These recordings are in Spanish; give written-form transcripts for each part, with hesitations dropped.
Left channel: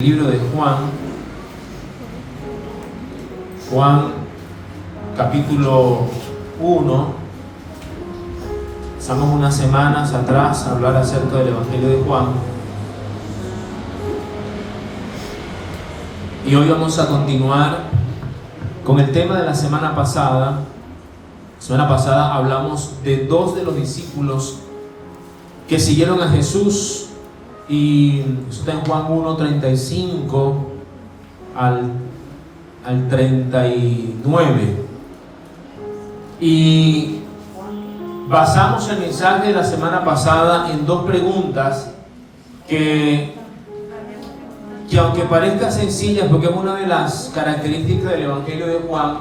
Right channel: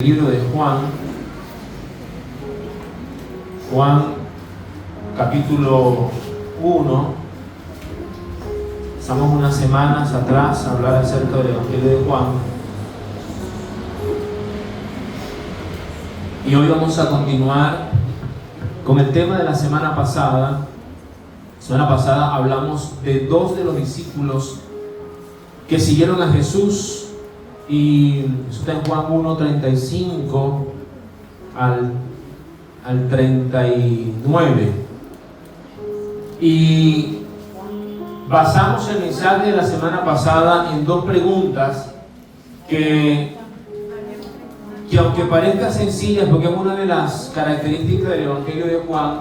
Libro de Juan capítulo 1. Pasamos unas semanas atrás a hablar acerca del Evangelio de Juan, y hoy vamos a continuar con el tema de la semana pasada. La semana pasada hablamos de dos de los discípulos que siguieron a Jesús, y eso está en Juan 1:35 al 39. Y basamos el mensaje de la semana pasada en dos preguntas que aunque parezcan sencillas, porque es una de las características del Evangelio de Juan,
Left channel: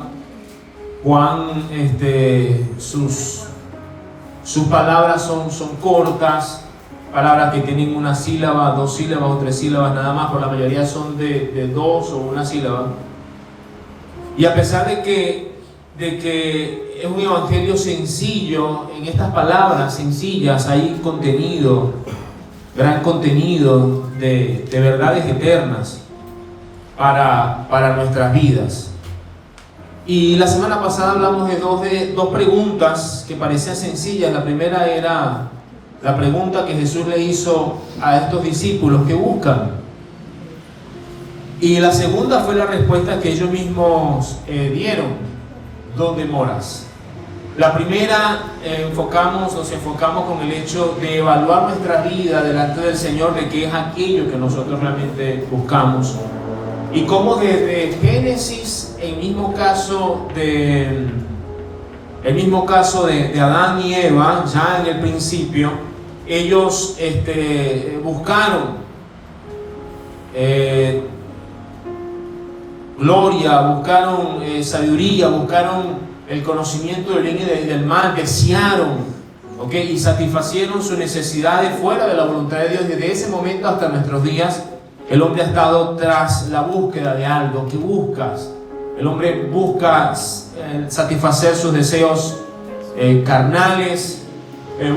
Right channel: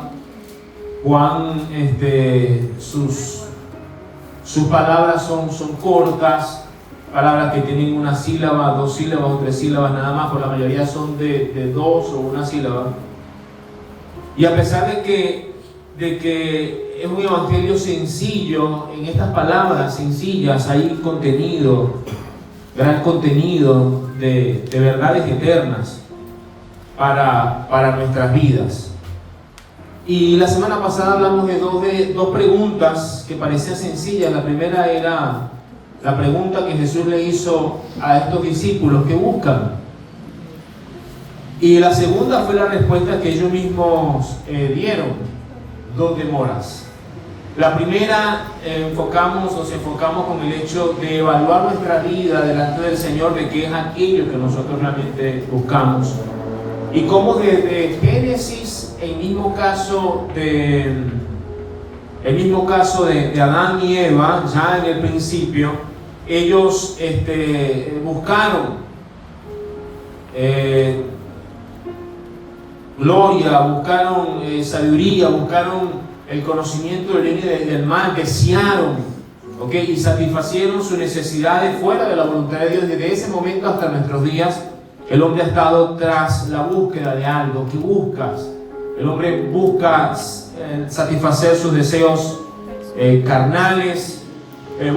sus palabras son cortas, palabras que tienen una sílaba, dos sílabas o tres sílabas nada más, por la mayoría son de dos o una sílaba. Y a pesar de que es un evangelio sencillo, en estas palabras sencillas hay contenido, gran contenido de verdades eternas para nuestras vidas. Y la semana pasada hablamos de dos preguntas que parecían sencillas. La primera era la pregunta que Jesús le hizo a estos discípulos: ¿qué buscan? Y la segunda fue la respuesta que ellos mismos dieron: ¿dónde moras? La primera nos enfocamos con el hecho de evaluar nuestra vida delante del Señor, de qué es aquello que nosotros realmente buscamos, y cómo desde Génesis, el mismo caso de Adán y Eva, ya en el principio, ellos buscaron gloria, buscaron sabiduría, buscaron el conocimiento del bien y del mal, desearon, y satisfacieron sus necesidades fuera de la voluntad de Dios. Y desde ese momento hasta nuestros días, el hombre ha estado tras la búsqueda de algo. ¿Qué buscas? El hombre busca satisfacer sus deseos carnales,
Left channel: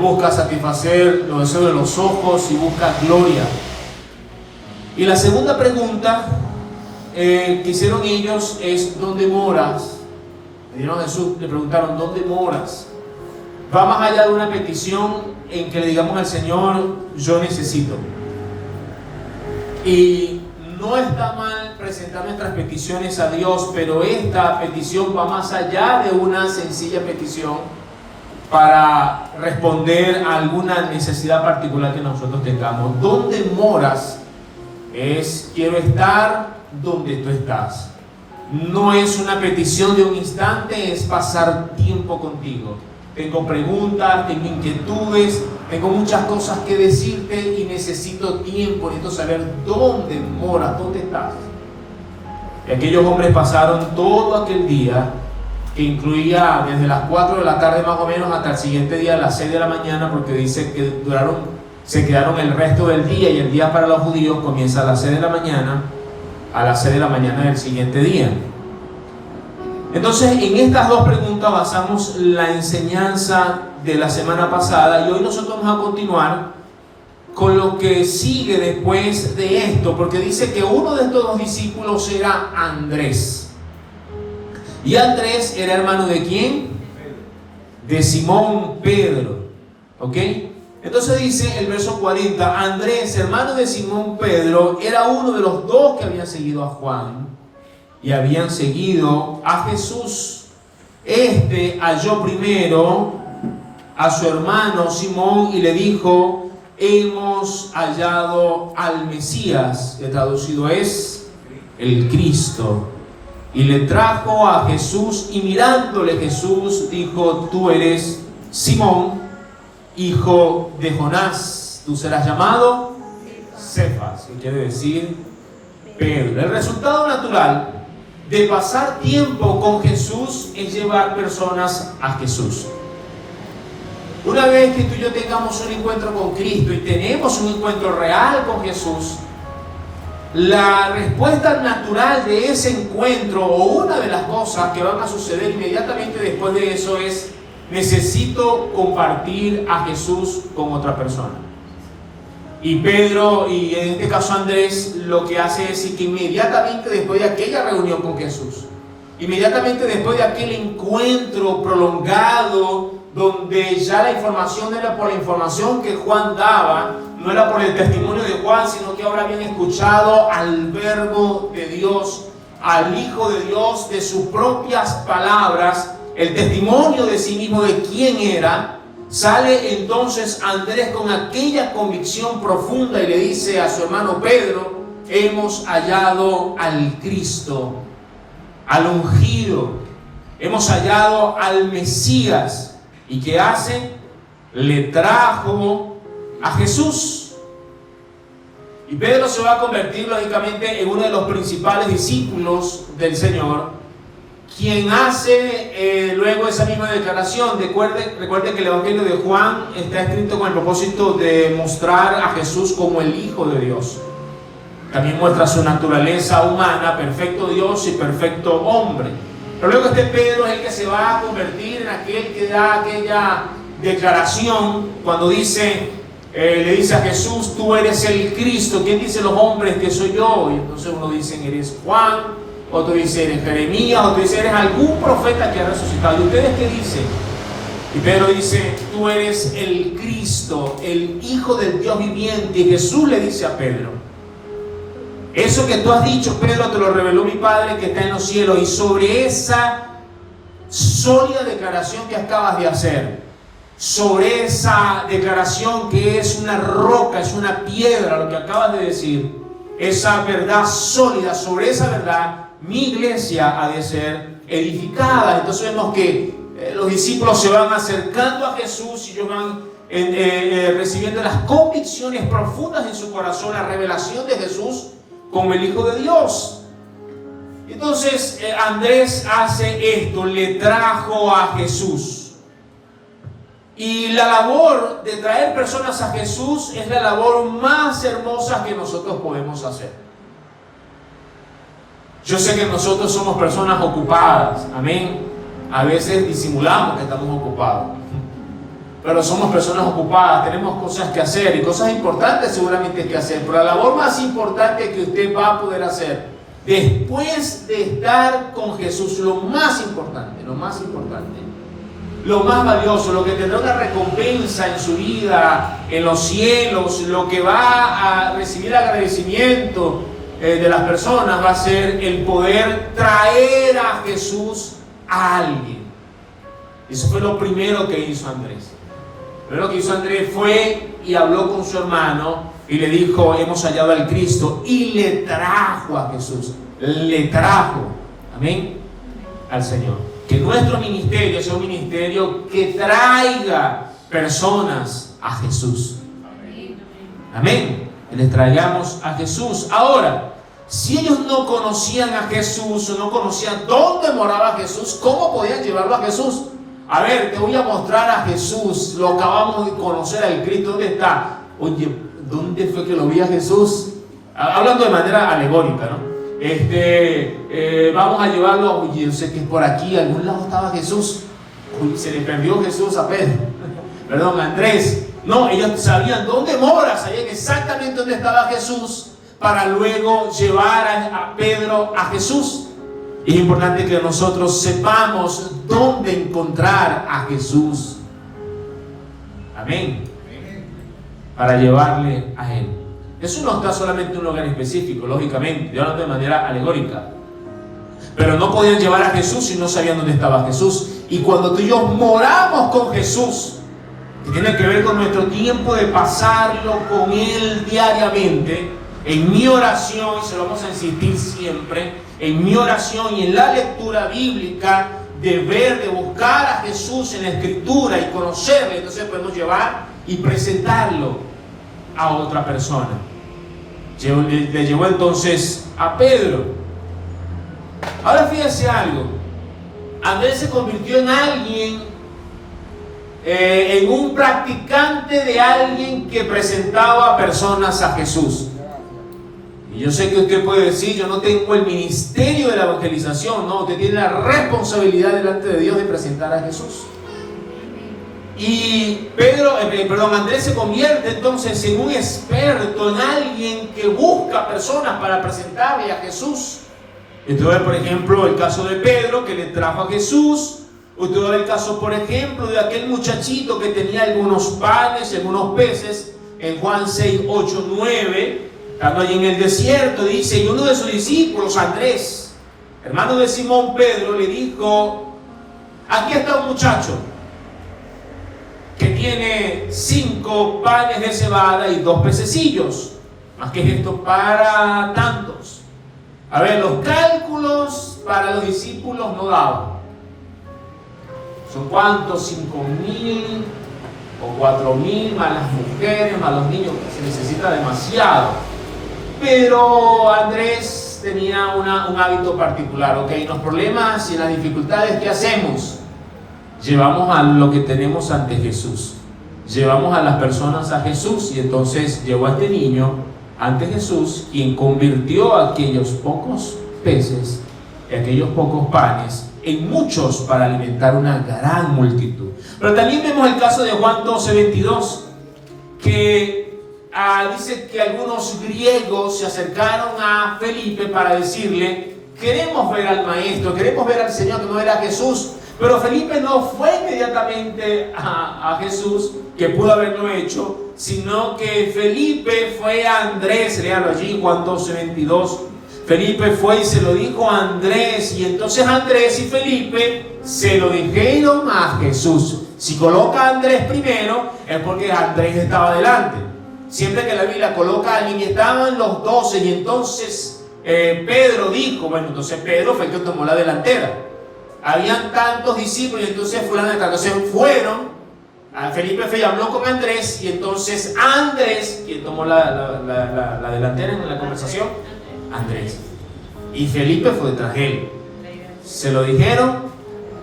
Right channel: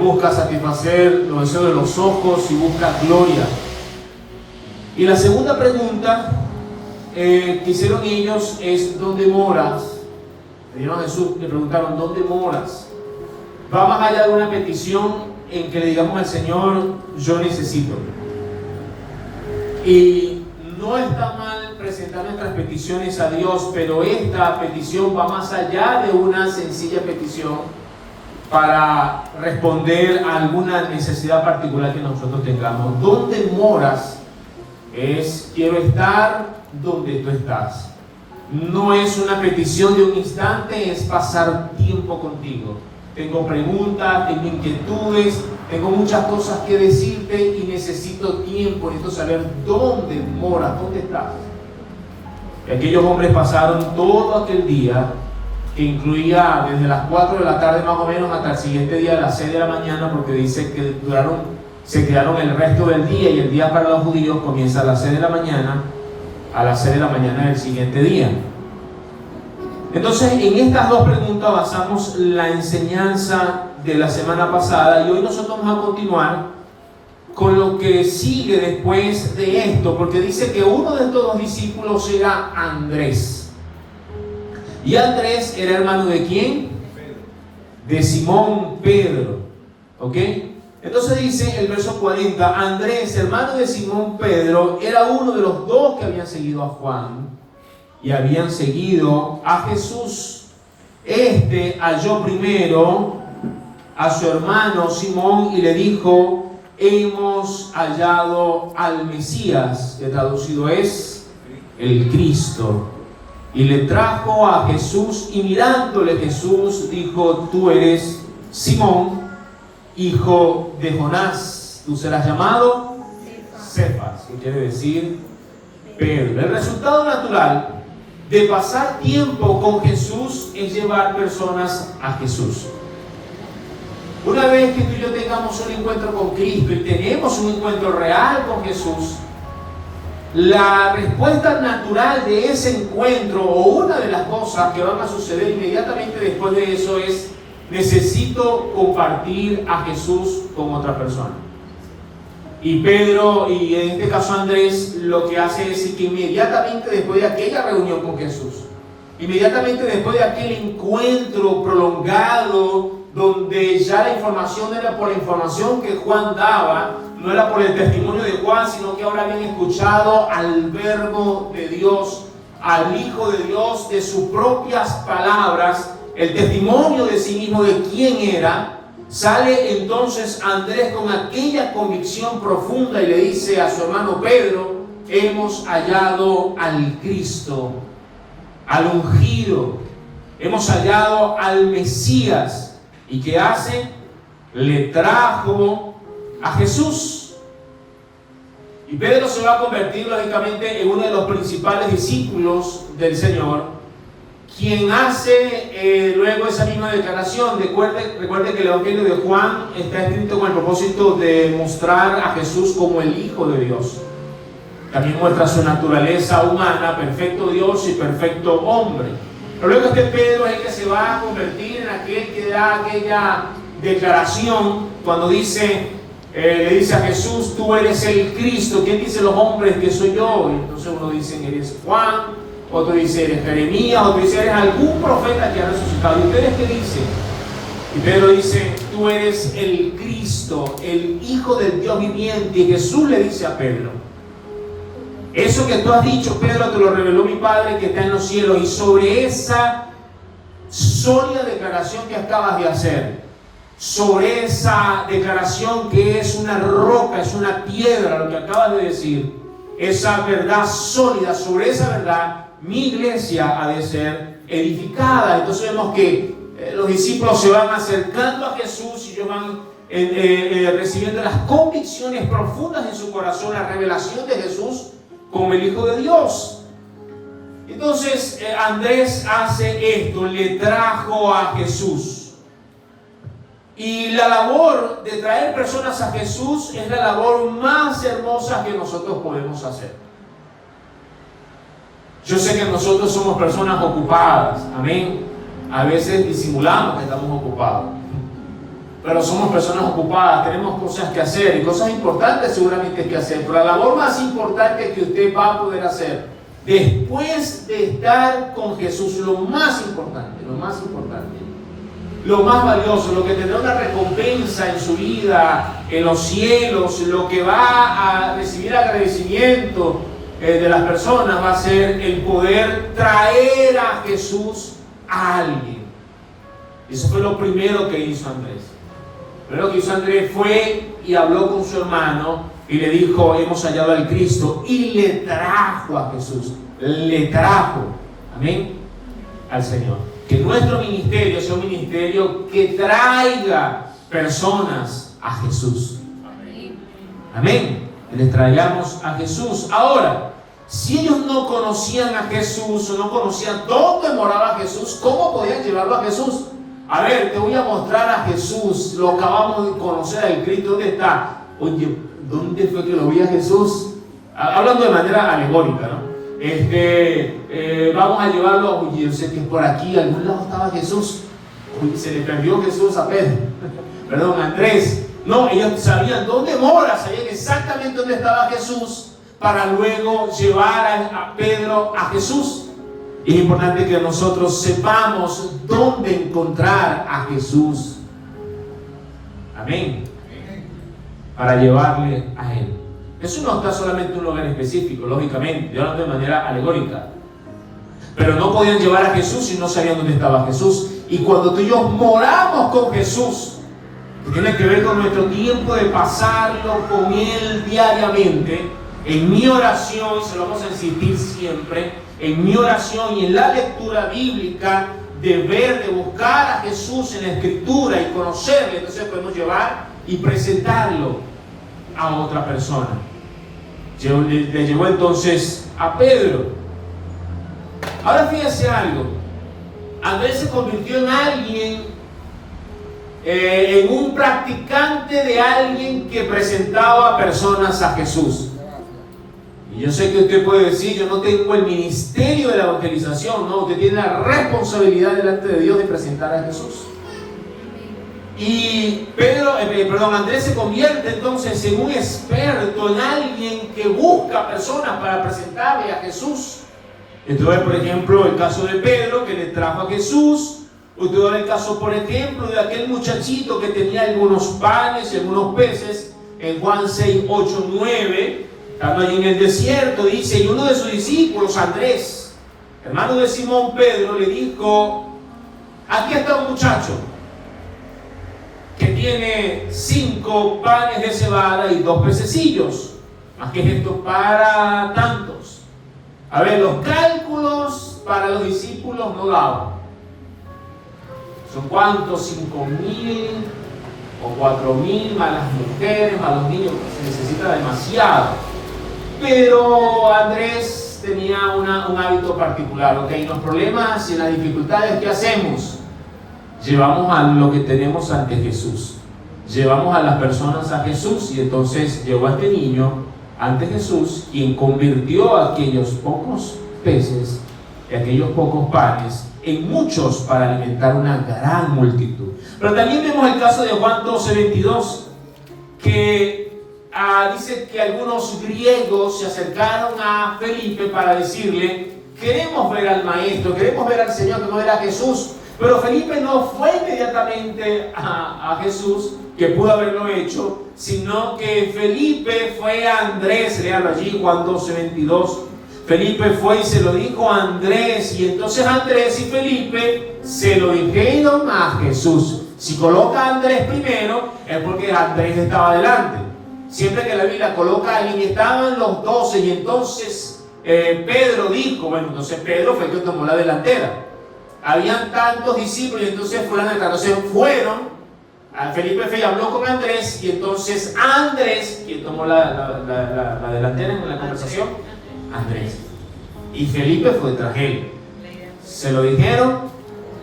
busca satisfacer los deseos de los ojos y busca gloria. Y la segunda pregunta que hicieron ellos es: ¿dónde moras? Le preguntaron: ¿dónde moras? Va más allá de una petición en que le digamos al Señor: yo necesito. Y no está mal presentar nuestras peticiones a Dios, pero esta petición va más allá de una sencilla petición para responder a alguna necesidad particular que nosotros tengamos. ¿Dónde moras? Es: quiero estar donde tú estás. No es una petición de un instante, es pasar tiempo contigo. Tengo preguntas, tengo inquietudes, tengo muchas cosas que decirte y necesito tiempo, necesito saber dónde moras, dónde estás. Y aquellos hombres pasaron todo aquel día, que incluía desde las 4 de la tarde más o menos hasta el siguiente día a las 6 de la mañana, porque dice que se quedaron el resto del día, y el día para los judíos comienza a las 6 de la mañana a las 6 de la mañana del siguiente día. Entonces, en estas dos preguntas basamos la enseñanza de la semana pasada, y hoy nosotros vamos a continuar con lo que sigue después de esto, porque dice que uno de estos dos discípulos era Andrés. Y Andrés era hermano ¿de quién? De Simón Pedro. Entonces dice el verso 40: Andrés, hermano de Simón Pedro, era uno de los dos que habían seguido a Juan y habían seguido a Jesús. Halló primero a su hermano Simón y le dijo: hemos hallado al Mesías, que traducido es el Cristo. Y le trajo a Jesús, y mirándole Jesús dijo: tú eres Simón, hijo de Jonás, tú serás llamado Cefas, que quiere decir Pedro. El resultado natural de pasar tiempo con Jesús es llevar personas a Jesús. Una vez que tú y yo tengamos un encuentro con Cristo y tenemos un encuentro real con Jesús, la respuesta natural de ese encuentro, o una de las cosas que van a suceder inmediatamente después de eso, es: necesito compartir a Jesús con otra persona. Y Pedro, y en este caso Andrés, lo que hace es decir que inmediatamente después de aquella reunión con Jesús, inmediatamente después de aquel encuentro prolongado, donde ya la información era por la información que Juan daba, no era por el testimonio de Juan, sino que ahora habían escuchado al Verbo de Dios, al Hijo de Dios, de sus propias palabras, el testimonio de sí mismo de quién era. Sale entonces Andrés con aquella convicción profunda y le dice a su hermano Pedro: hemos hallado al Cristo, al ungido, hemos hallado al Mesías. ¿Y qué hace? Le trajo a Jesús. Y Pedro se va a convertir lógicamente en uno de los principales discípulos del Señor, quien hace luego esa misma declaración. Recuerde que el Evangelio de Juan está escrito con el propósito de mostrar a Jesús como el Hijo de Dios. También muestra su naturaleza humana, perfecto Dios y perfecto hombre. Pero luego este Pedro es el que se va a convertir en aquel que da aquella declaración cuando le dice a Jesús: tú eres el Cristo. ¿Quién dice los hombres que soy yo? Y entonces uno dice: eres Juan, otro dice: eres Jeremías, otro dice: eres algún profeta que ha resucitado. ¿Y ustedes qué dicen? Y Pedro dice: tú eres el Cristo, el Hijo del Dios viviente. Y Jesús le dice a Pedro: eso que tú has dicho, Pedro, te lo reveló mi Padre que está en los cielos. Y sobre esa sólida declaración que acabas de hacer, sobre esa declaración que es una roca, es una piedra, lo que acabas de decir, esa verdad sólida, sobre esa verdad mi iglesia ha de ser edificada. Entonces vemos que los discípulos se van acercando a Jesús y ellos van recibiendo las convicciones profundas en su corazón, la revelación de Jesús como el Hijo de Dios. Entonces Andrés hace esto, le trajo a Jesús. Y la labor de traer personas a Jesús es la labor más hermosa que nosotros podemos hacer. Yo sé que nosotros somos personas ocupadas, amén. A veces disimulamos que estamos ocupados, pero somos personas ocupadas, tenemos cosas que hacer y cosas importantes seguramente que hacer. Pero la labor más importante que usted va a poder hacer después de estar con Jesús, lo más importante, lo más valioso, lo que tendrá una recompensa en su vida, en los cielos, lo que va a recibir agradecimiento de las personas, va a ser el poder traer a Jesús a alguien. Eso fue lo primero que hizo Andrés. Lo que hizo Andrés fue y habló con su hermano y le dijo: hemos hallado al Cristo, y le trajo a Jesús, le trajo, amén, al Señor. Que nuestro ministerio sea un ministerio que traiga personas a Jesús, amén, que les traigamos a Jesús. Ahora, si ellos no conocían a Jesús, o no conocían dónde moraba Jesús, ¿cómo podían llevarlo a Jesús? A ver, te voy a mostrar a Jesús, lo acabamos de conocer al Cristo, ¿dónde está? Oye, ¿dónde fue que lo vi a Jesús? Hablando de manera alegórica, ¿no? Vamos a llevarlo, oye, yo sé que por aquí, a algún lado estaba Jesús. Uy, se le perdió Jesús a Pedro, perdón, a Andrés. No, ellos sabían dónde mora, sabían exactamente dónde estaba Jesús, para luego llevar a Pedro a Jesús. Es importante que nosotros sepamos dónde encontrar a Jesús. Amén. Para llevarle a Él. Eso no está solamente en un lugar específico, lógicamente, yo hablo de manera alegórica. Pero no podían llevar a Jesús si no sabían dónde estaba Jesús. Y cuando tú y yo moramos con Jesús, que tiene que ver con nuestro tiempo de pasarlo con Él diariamente, en mi oración, y se lo vamos a insistir siempre, en mi oración y en la lectura bíblica, de ver, de buscar a Jesús en la Escritura y conocerle, entonces podemos llevar y presentarlo a otra persona. Le llevó entonces a Pedro. Ahora fíjense algo, Andrés se convirtió en alguien, en un practicante de alguien que presentaba a personas a Jesús. Y yo sé que usted puede decir: yo no tengo el ministerio de la evangelización. No, usted tiene la responsabilidad delante de Dios de presentar a Jesús. Y Andrés se convierte entonces en un experto, en alguien que busca personas para presentarle a Jesús. Entonces, por ejemplo, el caso de Pedro, que le trajo a Jesús. Usted ve el caso, por ejemplo, de aquel muchachito que tenía algunos panes y algunos peces, en Juan 6, 8, 9, estando allí en el desierto, dice, y uno de sus discípulos, Andrés, hermano de Simón Pedro, le dijo, aquí está un muchacho que tiene 5 panes de cebada y 2 pececillos. ¿Más que esto para tantos? A ver, los cálculos para los discípulos no daban. ¿Son cuántos? 5.000 o 4.000 más las mujeres, más los niños. Se necesita demasiado. Pero Andrés tenía un hábito particular. Ok, los problemas y las dificultades, ¿qué hacemos? Llevamos a lo que tenemos ante Jesús. Llevamos a las personas a Jesús. Y entonces llevó a este niño ante Jesús, quien convirtió aquellos pocos peces y aquellos pocos panes en muchos para alimentar una gran multitud. Pero también vemos el caso de Juan 12, 22, que dice que algunos griegos se acercaron a Felipe para decirle, queremos ver al maestro, queremos ver al Señor, que no era Jesús. Pero Felipe no fue inmediatamente a Jesús, que pudo haberlo hecho, sino que Felipe fue a Andrés, léalo allí, Juan 12, 22. Felipe fue y se lo dijo a Andrés, y entonces Andrés y Felipe se lo dijeron a Jesús. Si coloca a Andrés primero, es porque Andrés estaba adelante. Siempre que la Biblia coloca a alguien, y estaban los 12, y entonces Pedro dijo, bueno, entonces Pedro fue el que tomó la delantera. Habían tantos discípulos, y entonces fueron. Felipe fue y habló con Andrés, y entonces Andrés, quien tomó la delantera en la conversación, Andrés. Y Felipe fue tras él. Se lo dijeron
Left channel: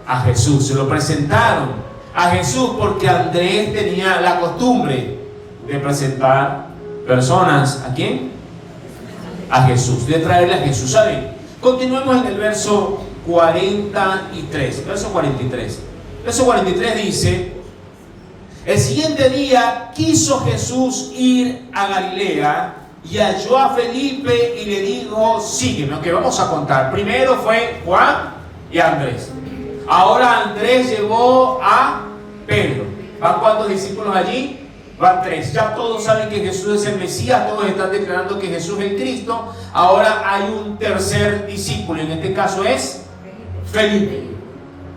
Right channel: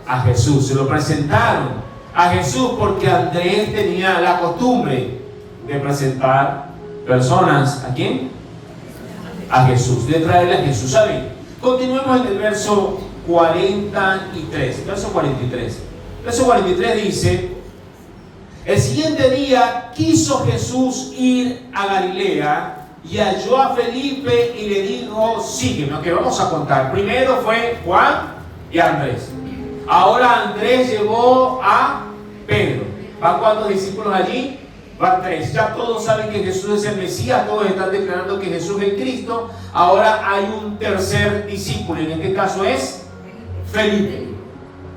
a Jesús, se lo presentaron a Jesús, porque Andrés tenía la costumbre de presentar personas. ¿A quién? A Jesús, de traerle a Jesús. ¿Saben? Continuemos en el verso 43. Verso 43. Verso 43 dice: el siguiente día quiso Jesús ir a Galilea y halló a Felipe y le dijo, sígueme. Ok, vamos a contar. Primero fue Juan y Andrés. Ahora Andrés llevó a Pedro. ¿Van cuántos discípulos allí? Van 3. Ya todos saben que Jesús es el Mesías, todos están declarando que Jesús es Cristo. Ahora hay un tercer discípulo, en este caso es Felipe.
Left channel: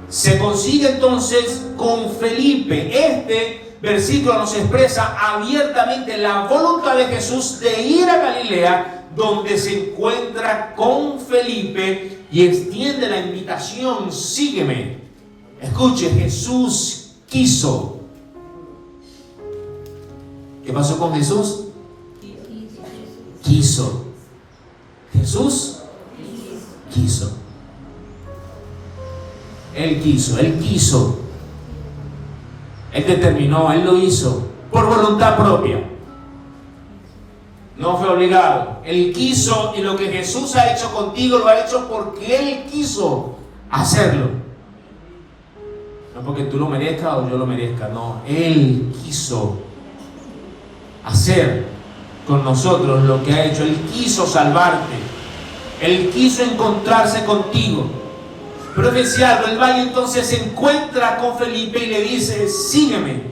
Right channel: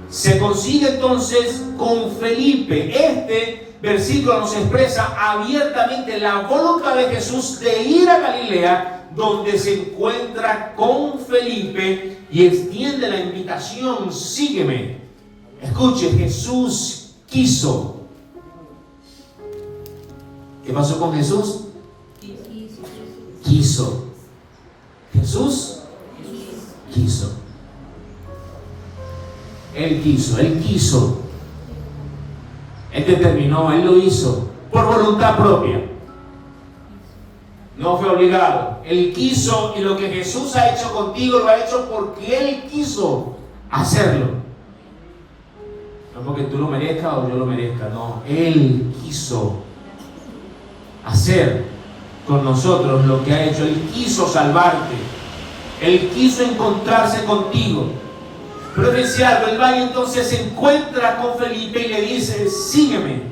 Se consigue entonces con Felipe. Este versículo nos expresa abiertamente la voluntad de Jesús de ir a Galilea, donde se encuentra con Felipe y extiende la invitación, sígueme. Escuche, Jesús quiso. ¿Qué pasó con Jesús? Quiso. Jesús quiso. Él quiso. Él determinó, Él lo hizo por voluntad propia. No fue obligado. Él quiso, y lo que Jesús ha hecho contigo lo ha hecho porque Él quiso hacerlo. No porque tú lo merezcas o yo lo merezca, no. Él quiso hacer con nosotros lo que ha hecho. Él quiso salvarte. Él quiso encontrarse contigo. Pero fíjense algo, él va y entonces se encuentra con Felipe y le dice, sígueme.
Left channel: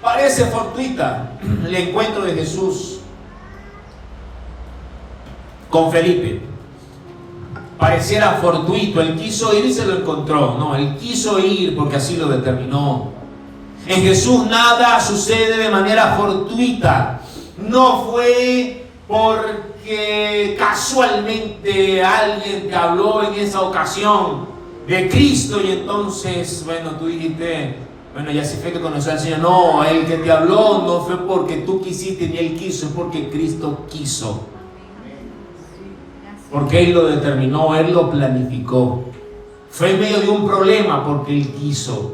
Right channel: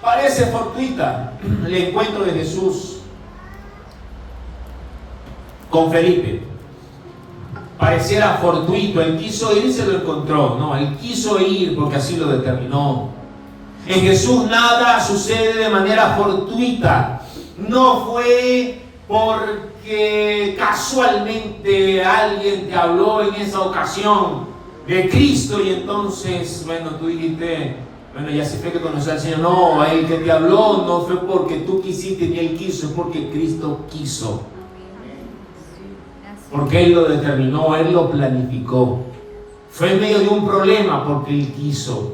Parece fortuita el encuentro de Jesús con Felipe. Pareciera fortuito, él quiso ir y se lo encontró. No, él quiso ir porque así lo determinó. En Jesús nada sucede de manera fortuita. No fue porque casualmente alguien te habló en esa ocasión de Cristo y entonces, bueno, tú dijiste, bueno, ya se fue que conoció al Señor. No, el que te habló no fue porque tú quisiste ni Él quiso, es porque Cristo quiso. Porque Él lo determinó, Él lo planificó. Fue en medio de un problema porque Él quiso.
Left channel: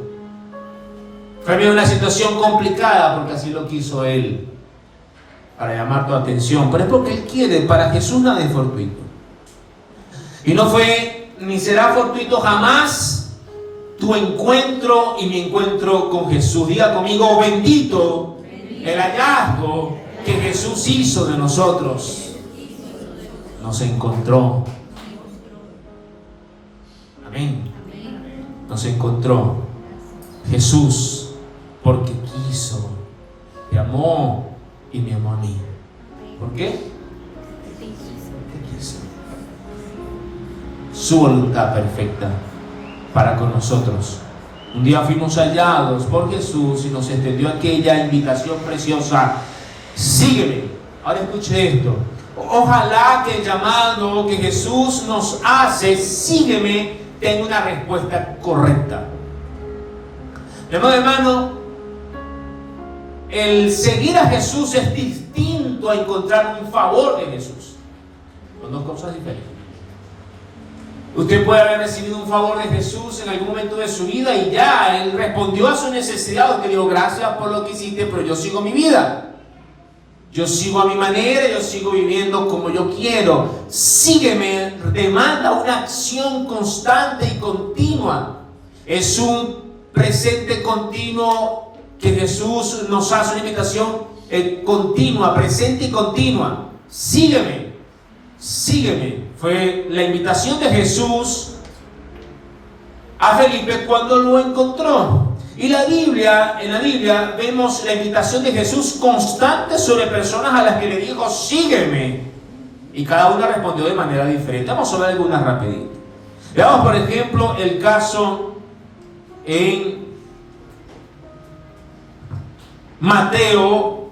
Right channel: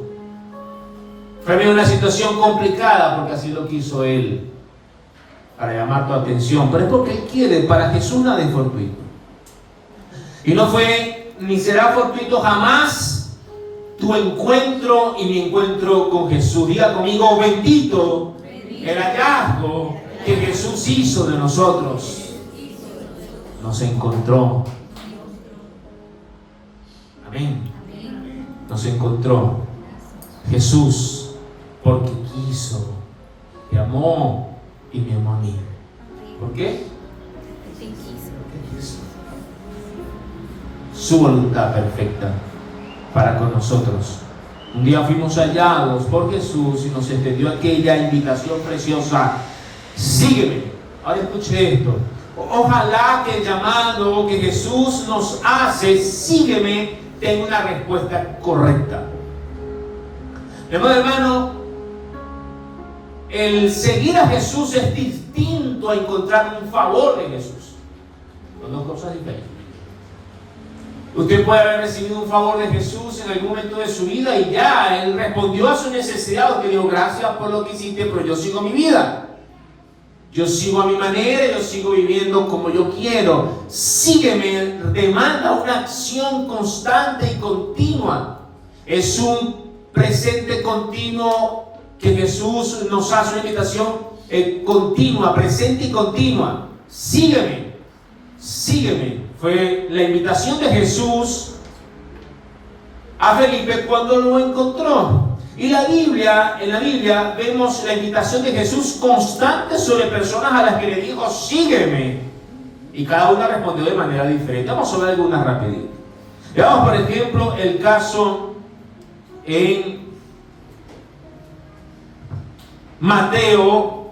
Fue en medio de una situación complicada porque así lo quiso Él. Para llamar tu atención, pero es porque Él quiere. Para Jesús nada es fortuito. Y no fue, ni será fortuito jamás tu encuentro y mi encuentro con Jesús. Diga conmigo, bendito el hallazgo que Jesús hizo de nosotros. Nos encontró. Amén. Nos encontró. Jesús, porque quiso, te amó y me amó a mí. ¿Por qué? Porque quiso. Su voluntad perfecta para con nosotros. Un día fuimos hallados por Jesús y nos extendió aquella invitación preciosa: sígueme. Ahora escuche esto. Ojalá que el llamado que Jesús nos hace, sígueme, tenga una respuesta correcta. Hermano, el seguir a Jesús es distinto a encontrar un favor de Jesús. Son dos cosas diferentes. Usted puede haber recibido un favor de Jesús en algún momento de su vida y ya, Él respondió a su necesidad. Usted dijo, gracias por lo que hiciste, pero yo sigo mi vida. Yo sigo a mi manera, yo sigo viviendo como yo quiero. Sígueme demanda una acción constante y continua. Es un presente continuo que Jesús nos hace, una invitación continua, presente y continua. Sígueme, sígueme. Fue la invitación de Jesús a Felipe cuando lo encontró. Y en la Biblia vemos la invitación de Jesús constante sobre personas a las que le dijo, sígueme. Y cada una respondió de manera diferente. Vamos a ver algunas rapidito. Veamos, por ejemplo, el caso en Mateo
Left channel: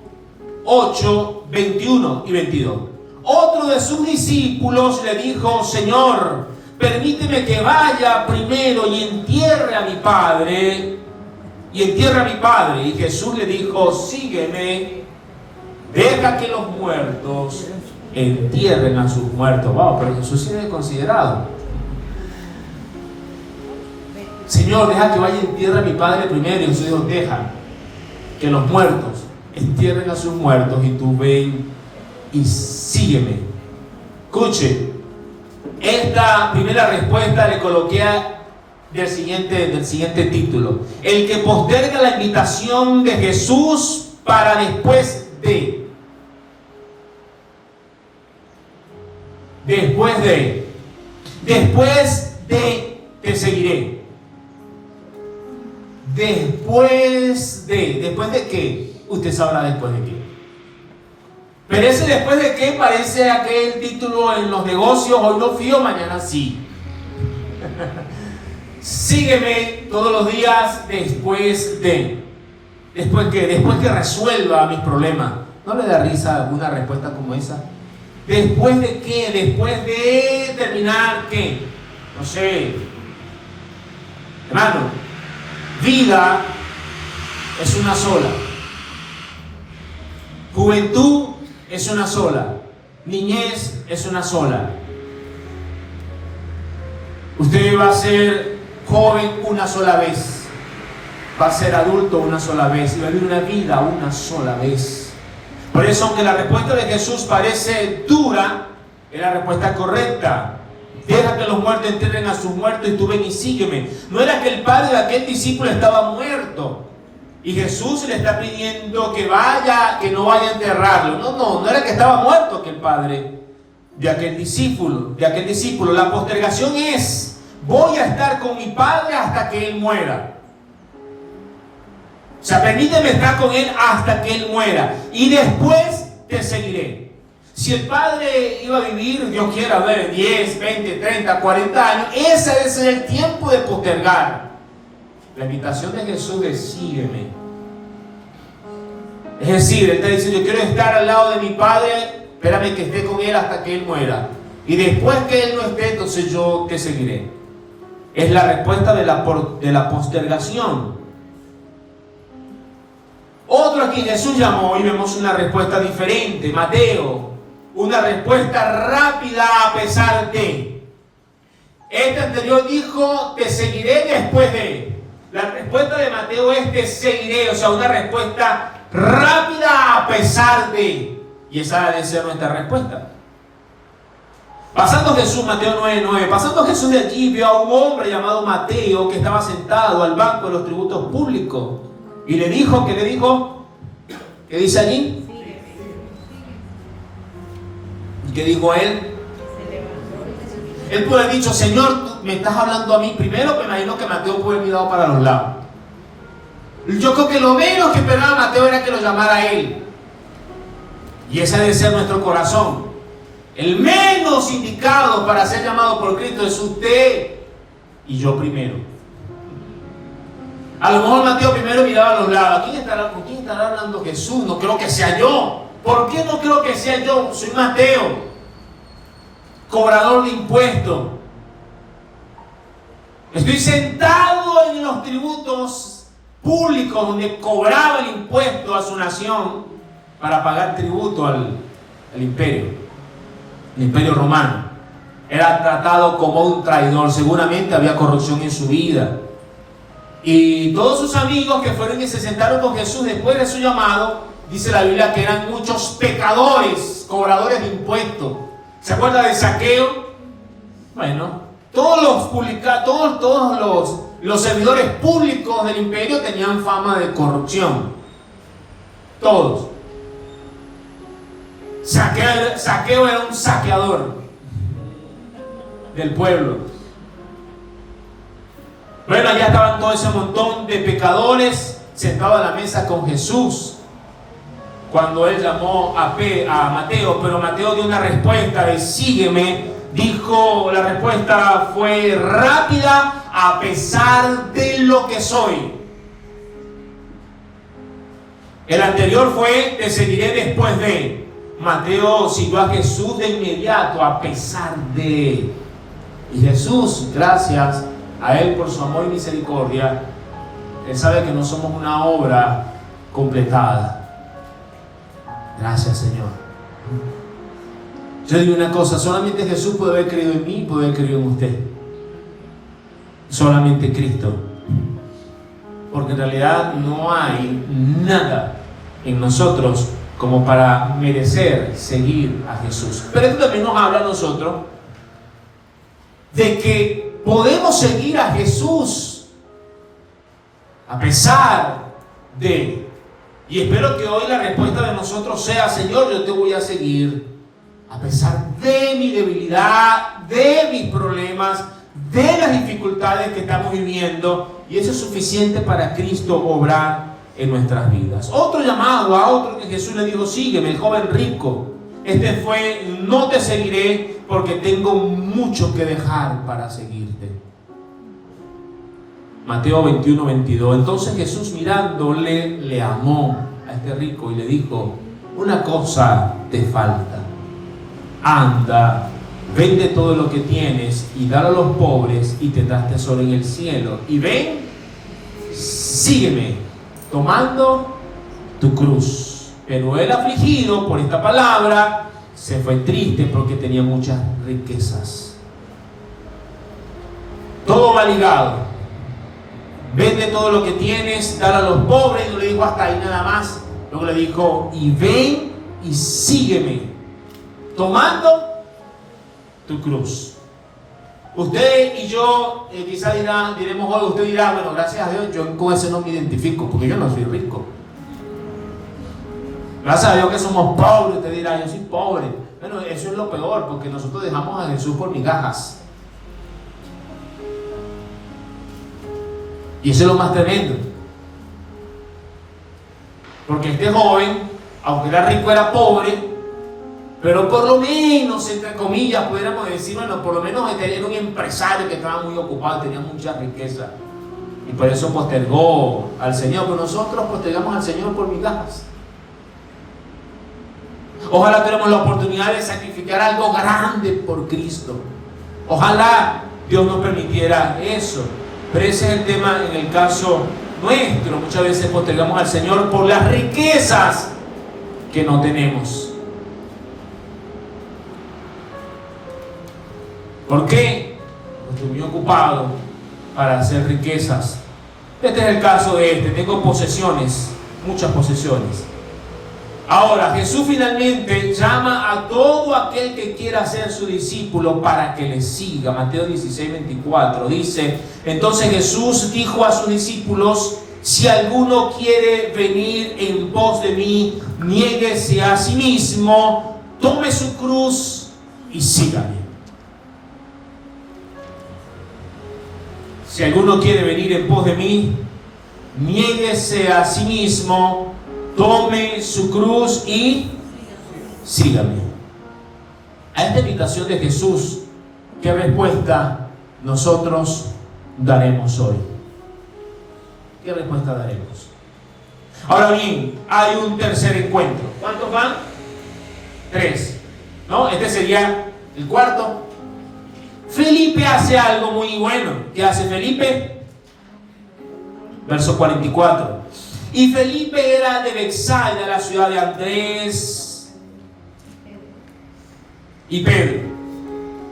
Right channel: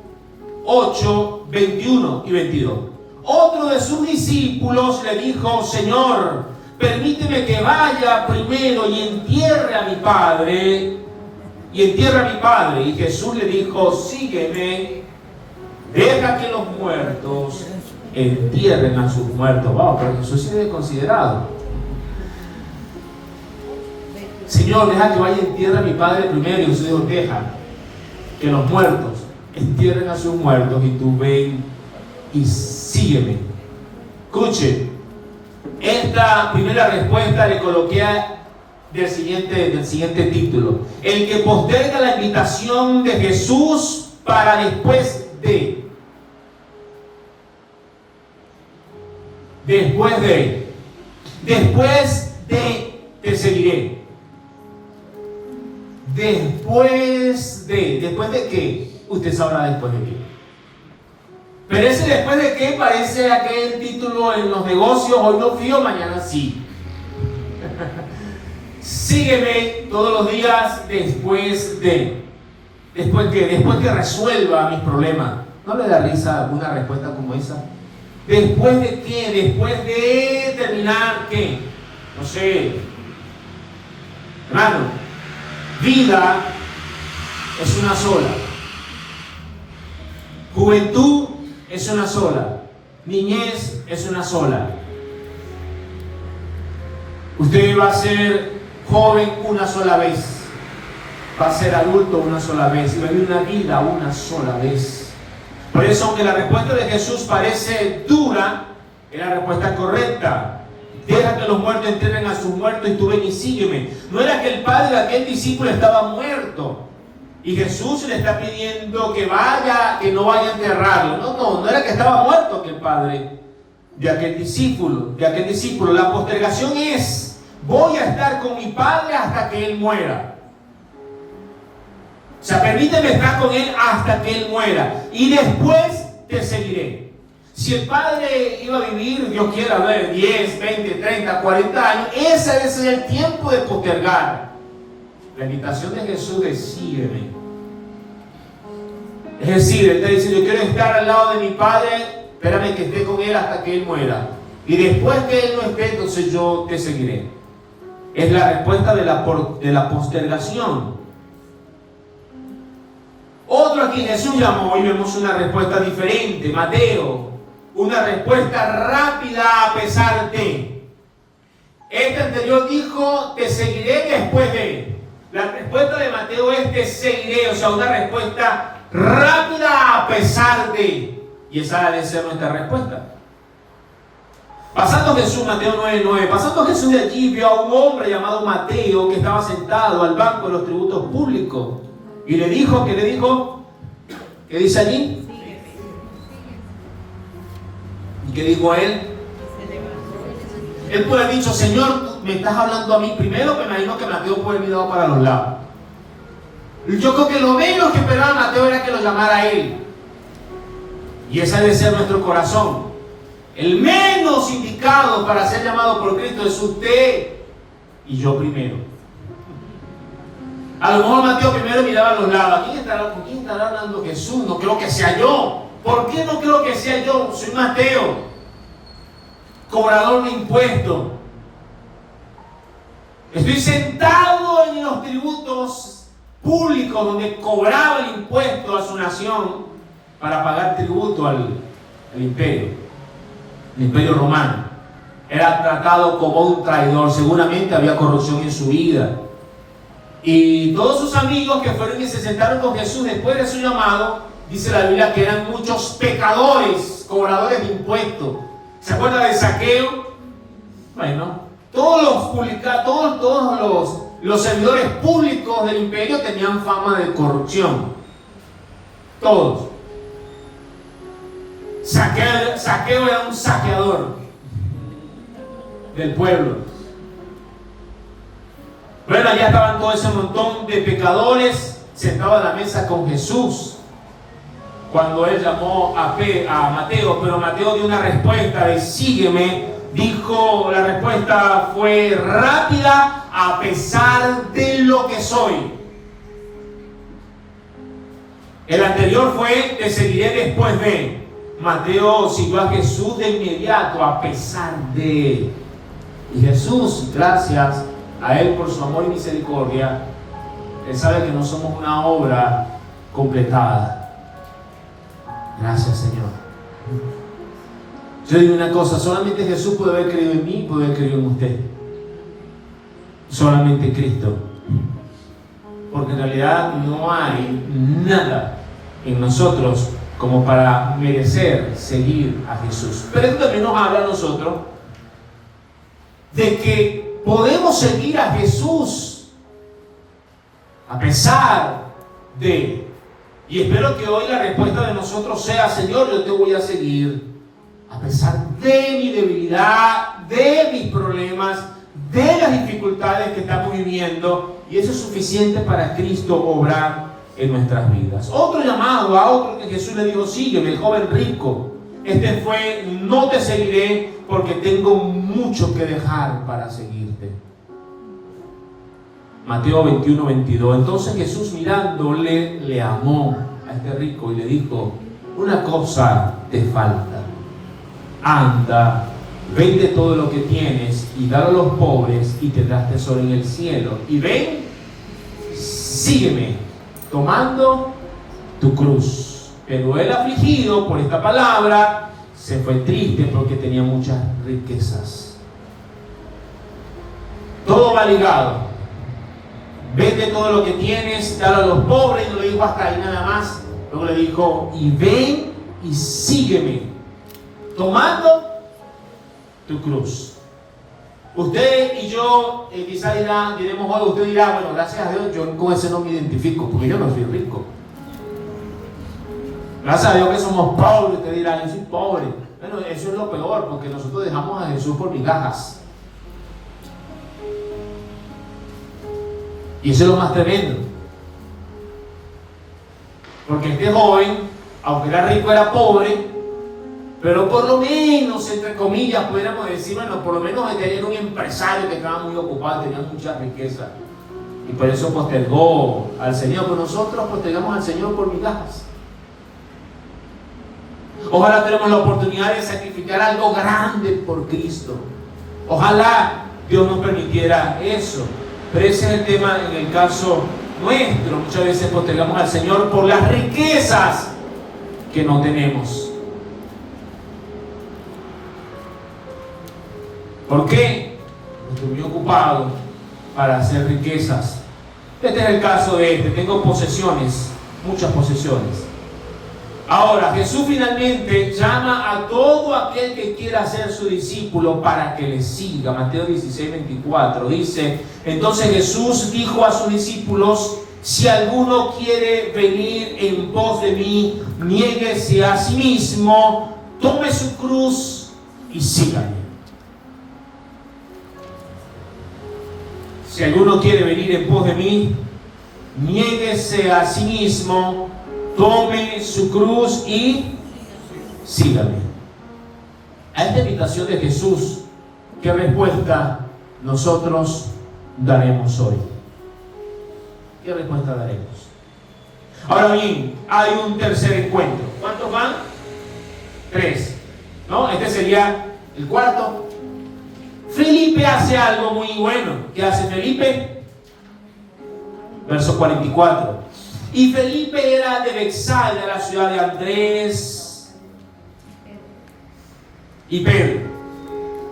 8, 21 y 22. Otro de sus discípulos le dijo, Señor, permíteme que vaya primero y entierre a mi padre. Y Jesús le dijo, sígueme, deja que los muertos entierren a sus muertos. Wow, pero Jesús sí es considerado. Señor, deja que vaya y entierre a mi padre primero. Y Jesús dijo, deja que los muertos entierren a sus muertos y tú ven y sígueme. Escuche, esta primera respuesta le coloqué del siguiente título: el que posterga la invitación de Jesús para después de te seguiré. ¿Después de qué? Usted sabrá después de qué. Pero ese después de qué parece aquel título en los negocios: hoy no fío, mañana sí. Sígueme todos los días después que resuelva mis problemas. ¿No le da risa una respuesta como esa? ¿Después de qué? Después de terminar ¿qué? No sé. Hermano, vida es una sola. Juventud es una sola. Niñez es una sola. Usted va a ser joven una sola vez, va a ser adulto una sola vez y va a vivir una vida una sola vez. Por eso, aunque la respuesta de Jesús parece dura, es la respuesta correcta. Deja que los muertos entierren a sus muertos y tú ven y sígueme. No era que el padre de aquel discípulo estaba muerto y Jesús le está pidiendo que no vaya a enterrarlo. No era que estaba muerto aquel padre de aquel discípulo. La postergación es: voy a estar con mi padre hasta que él muera. O sea, permíteme estar con él hasta que él muera. Y después te seguiré. Si el padre iba a vivir, Dios quiera ver, 10, 20, 30, 40 años, ese es el tiempo de postergar. La invitación de Jesús es: sígueme. Es decir, Él está diciendo, yo quiero estar al lado de mi padre, espérame que esté con él hasta que él muera. Y después que él no esté, entonces yo te seguiré. Es la respuesta de la postergación. Otro a quien Jesús llamó, y vemos una respuesta diferente. Mateo, una respuesta rápida a pesar de. Este anterior dijo, te seguiré después de. La respuesta de Mateo es, te seguiré, o sea, una respuesta rápida a pesar de. Y esa debe ser nuestra respuesta. Pasando Jesús, Mateo 9:9, pasando Jesús de allí, vio a un hombre llamado Mateo que estaba sentado al banco de los tributos públicos. Y le dijo, ¿qué le dijo? ¿Qué dice allí? ¿Y qué dijo él? Él puede haber dicho, Señor, tú me estás hablando a mí. Primero me imagino que Mateo puede haber mirado para los lados. Yo creo que lo menos que esperaba Mateo era que lo llamara a él. Y ese debe ser nuestro corazón. El menos indicado para ser llamado por Cristo es usted y yo primero. A lo mejor Mateo primero miraba a los lados. ¿Con quién estará hablando Jesús? No creo que sea yo. ¿Por qué no creo que sea yo? Soy Mateo, cobrador de impuestos. Estoy sentado en los tributos públicos donde cobraba el impuesto a su nación para pagar tributo al imperio. El imperio romano. Era tratado como un traidor. Seguramente había corrupción en su vida. Y todos sus amigos que fueron y se sentaron con Jesús después de su llamado, dice la Biblia que eran muchos pecadores, cobradores de impuestos. ¿Se acuerda de Zaqueo? Bueno, todos los servidores públicos del imperio tenían fama de corrupción. Todos. Zaqueo era un saqueador del pueblo. Bueno, allá estaban todo ese montón de pecadores sentados a la mesa con Jesús cuando él llamó a Mateo, pero Mateo dio una respuesta de sígueme. Dijo, la respuesta fue rápida: a pesar de lo que soy. El anterior fue te seguiré después de. Mateo siguió a Jesús de inmediato, a pesar de. Y Jesús, gracias a Él por su amor y misericordia, Él sabe que no somos una obra completada. Gracias, Señor. Yo digo una cosa, solamente Jesús puede haber creído en mí, puede haber creído en usted. Solamente Cristo. Porque en realidad no hay nada en nosotros como para merecer seguir a Jesús. Pero esto también nos habla a nosotros de que podemos seguir a Jesús a pesar de. Y espero que hoy la respuesta de nosotros sea: Señor, yo te voy a seguir a pesar de mi debilidad, de mis problemas, de las dificultades que estamos viviendo. Y eso es suficiente para Cristo obrar en nuestras vidas. Otro llamado a otro que Jesús le dijo: sígueme, el joven rico. Este fue: no te seguiré porque tengo mucho que dejar para seguirte. Mateo 21:22. Entonces Jesús, mirándole, le amó a este rico y le dijo: una cosa te falta. Anda, vende todo lo que tienes y dalo a los pobres y tendrás tesoro en el cielo. Y ven, sígueme, tomando tu cruz. Pero él, afligido por esta palabra, se fue triste porque tenía muchas riquezas. Todo va ligado. Vende todo lo que tienes, dale a los pobres. Y no le dijo hasta ahí nada más. Luego le dijo: y ven y sígueme, tomando tu cruz. Usted y yo quizás diremos hoy, usted dirá: bueno, gracias a Dios yo con ese no me identifico porque yo no soy rico. Gracias a Dios que somos pobres. Usted dirá: yo soy pobre. Bueno, eso es lo peor, porque nosotros dejamos a Jesús por migajas. Y eso es lo más tremendo. Porque este joven, aunque era rico, era pobre. Pero por lo menos, entre comillas, pudiéramos decir, bueno, por lo menos tenía un empresario que estaba muy ocupado, tenía mucha riqueza. Y por eso postergó al Señor. Pero nosotros postergamos al Señor por migajas. Ojalá tenemos la oportunidad de sacrificar algo grande por Cristo. Ojalá Dios nos permitiera eso. Pero ese es el tema en el caso nuestro. Muchas veces postergamos al Señor por las riquezas que no tenemos. ¿Por qué? Porque estoy muy ocupado para hacer riquezas. Este es el caso de este. Tengo posesiones, muchas posesiones. Ahora, Jesús finalmente llama a todo aquel que quiera ser su discípulo para que le siga. Mateo 16:24 dice: entonces Jesús dijo a sus discípulos: si alguno quiere venir en pos de mí, niéguese a sí mismo, tome su cruz y sígame. Si alguno quiere venir en pos de mí, niéguese a sí mismo, tome su cruz y sígame. A esta invitación de Jesús, ¿qué respuesta nosotros daremos hoy? ¿Qué respuesta daremos? Ahora bien, hay un tercer encuentro. ¿Cuántos van? 3. ¿No? Este sería el cuarto. Felipe hace algo muy bueno. ¿Qué hace Felipe? Verso 44. Y Felipe era de Betsaida, de la ciudad de Andrés y Pedro.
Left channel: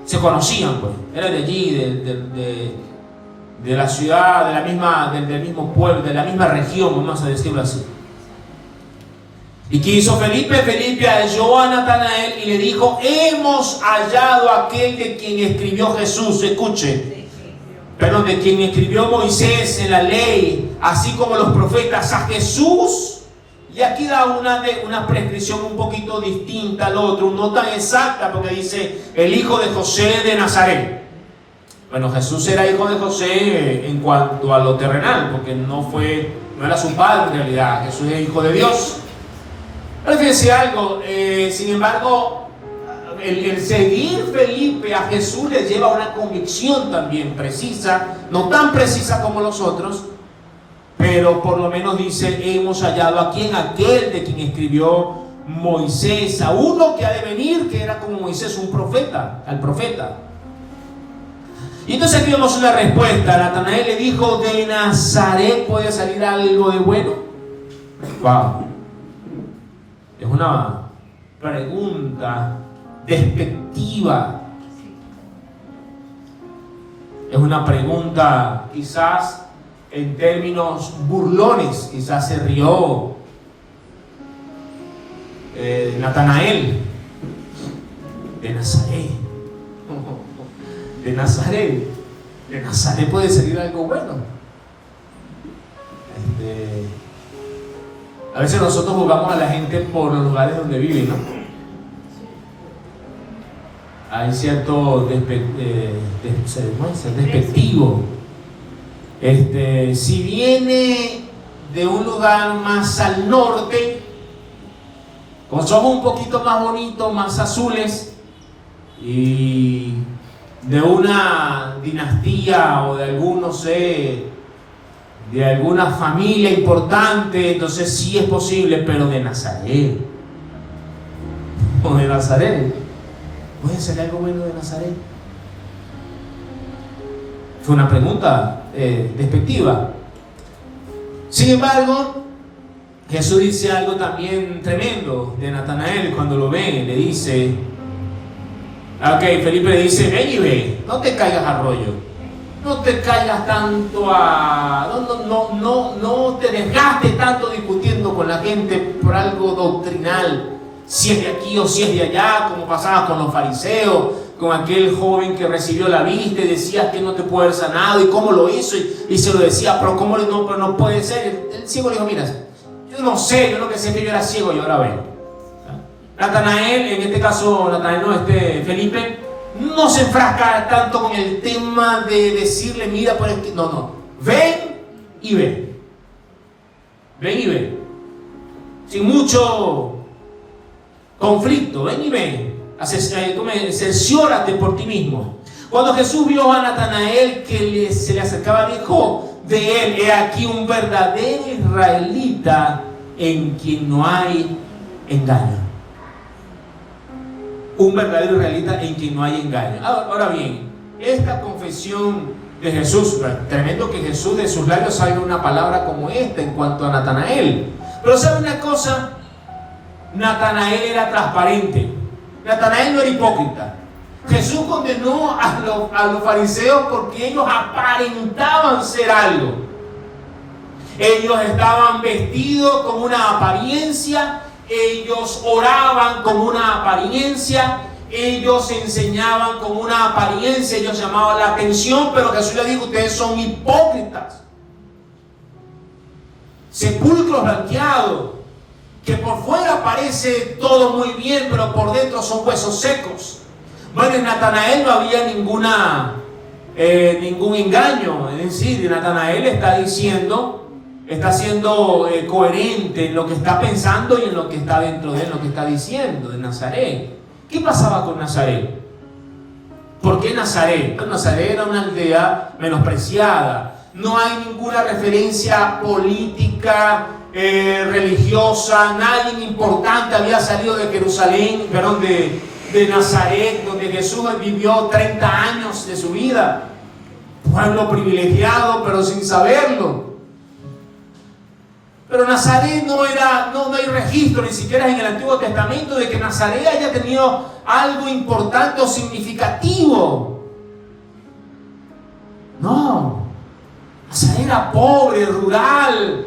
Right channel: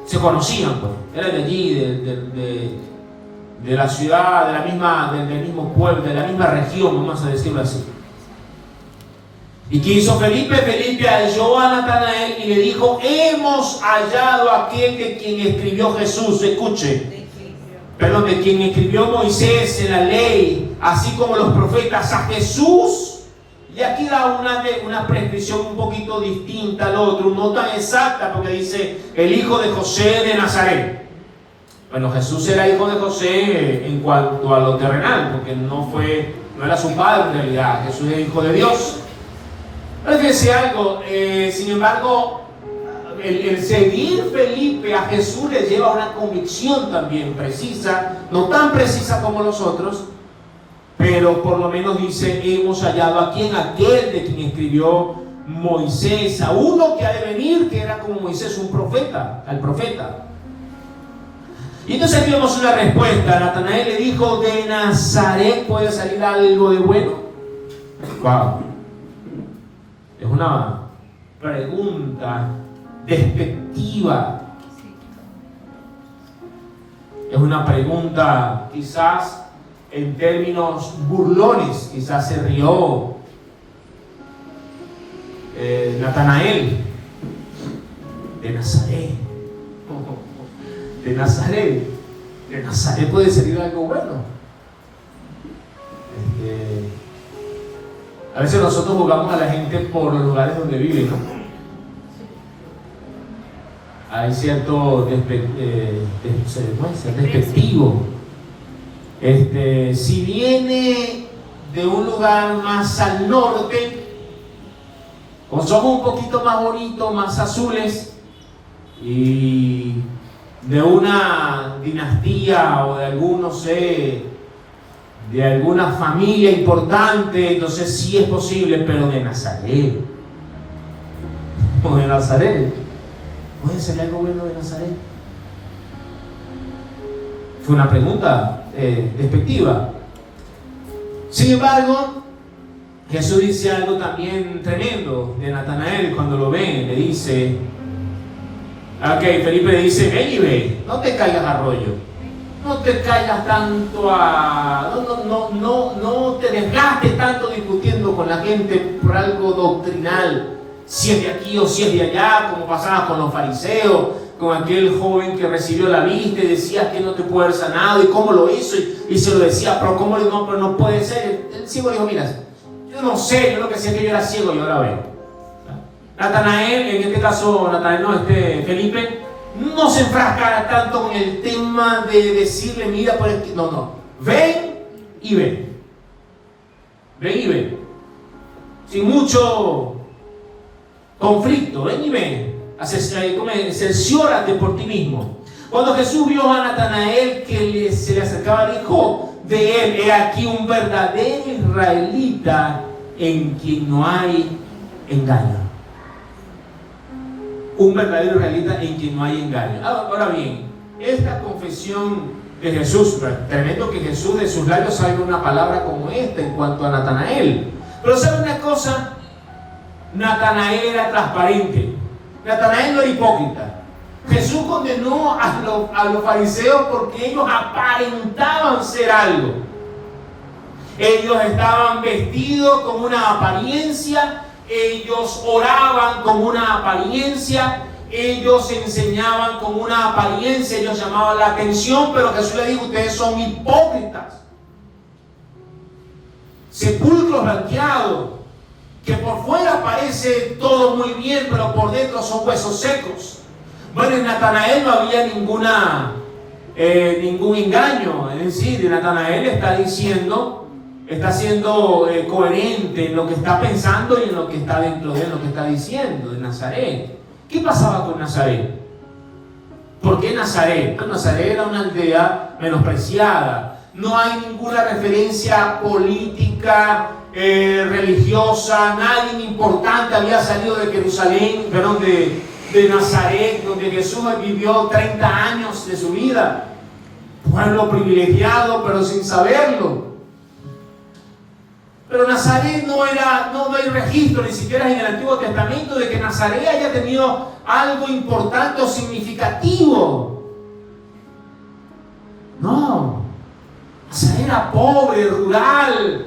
Se conocían, pues. Era de allí, de la ciudad, del mismo pueblo, de la misma región, vamos a decirlo así. ¿Y qué hizo Felipe? Felipe halló a Natanael y le dijo: hemos hallado a aquel de quien escribió Jesús. Escuche, perdón, de quien escribió Moisés en la ley, así como los profetas, a Jesús. Y aquí da una prescripción un poquito distinta al otro, no tan exacta, porque dice el hijo de José de Nazaret. Bueno, Jesús era hijo de José en cuanto a lo terrenal, porque no era su padre en realidad. Jesús es hijo de Dios. Pero fíjense algo, sin embargo, el seguir Felipe a Jesús le lleva a una convicción también precisa, no tan precisa como los otros, pero por lo menos dice: hemos hallado a quien, aquel de quien escribió Moisés, a uno que ha de venir, que era como Moisés, un profeta, al profeta. Y entonces aquí vemos una respuesta. Natanael le dijo: ¿de Nazaret puede salir algo de bueno? Wow. Es una pregunta despectiva. Es una pregunta quizás en términos burlones. Quizás se rió Natanael. De Nazaret. De Nazaret puede salir algo bueno. A veces nosotros jugamos a la gente por los lugares donde viven, ¿no? Hay cierto despectivo. Si viene de un lugar más al norte, con ojos un poquito más bonitos, más azules, y de una dinastía o de algún, no sé, de alguna familia importante, entonces sí es posible. Pero de Nazaret, o de Nazaret, ¿puede ser algo bueno de Nazaret? Fue una pregunta despectiva. Sin embargo, Jesús dice algo también tremendo de Natanael cuando lo ve. Le dice: ok, Felipe le dice: ven y ve, no te caigas al rollo. No te caigas tanto no te desgastes tanto discutiendo con la gente por algo doctrinal, si es de aquí o si es de allá, como pasaba con los fariseos, con aquel joven que recibió la vista y decía que no te puede haber sanado, y cómo lo hizo, y se lo decía: pero cómo pero no puede ser. El ciego le dijo: mira, yo no sé, yo lo que sé es que yo era ciego y ahora veo. Natanael, en este caso Felipe, no se enfrasca tanto con el tema de decirle: mira, por aquí. No. Ven y ve. Ven y ve. Sin mucho conflicto. Ven y ve. Cerciórate por ti mismo. Cuando Jesús vio a Natanael que se le acercaba, dijo de él: he aquí un verdadero israelita en quien no hay engaño. Un verdadero israelita en quien no hay engaño. Ahora bien, esta confesión de Jesús, tremendo que Jesús de sus labios salga una palabra como esta en cuanto a Natanael. Pero ¿sabe una cosa? Natanael era transparente. Natanael no era hipócrita. Jesús condenó a los fariseos porque ellos aparentaban ser algo. Ellos estaban vestidos con una apariencia ellos oraban con una apariencia, ellos enseñaban con una apariencia, ellos llamaban la atención, pero Jesús les dijo: ustedes son hipócritas, sepulcros blanqueados, que por fuera parece todo muy bien, pero por dentro son huesos secos. Bueno, en Natanael no había ningún engaño, es decir, Natanael está siendo coherente en lo que está pensando y en lo que está dentro de él, lo que está diciendo de Nazaret. ¿Qué pasaba con Nazaret? ¿Por qué Nazaret? Bueno, Nazaret era una aldea menospreciada. No hay ninguna referencia política, religiosa. Nadie importante había salido de Jerusalén, perdón, de Nazaret, donde Jesús vivió 30 años de su vida. Pueblo privilegiado, pero sin saberlo. Pero Nazaret no hay registro, ni siquiera en el Antiguo Testamento, de que Nazaret haya tenido algo importante o significativo. No. Nazaret era pobre, rural.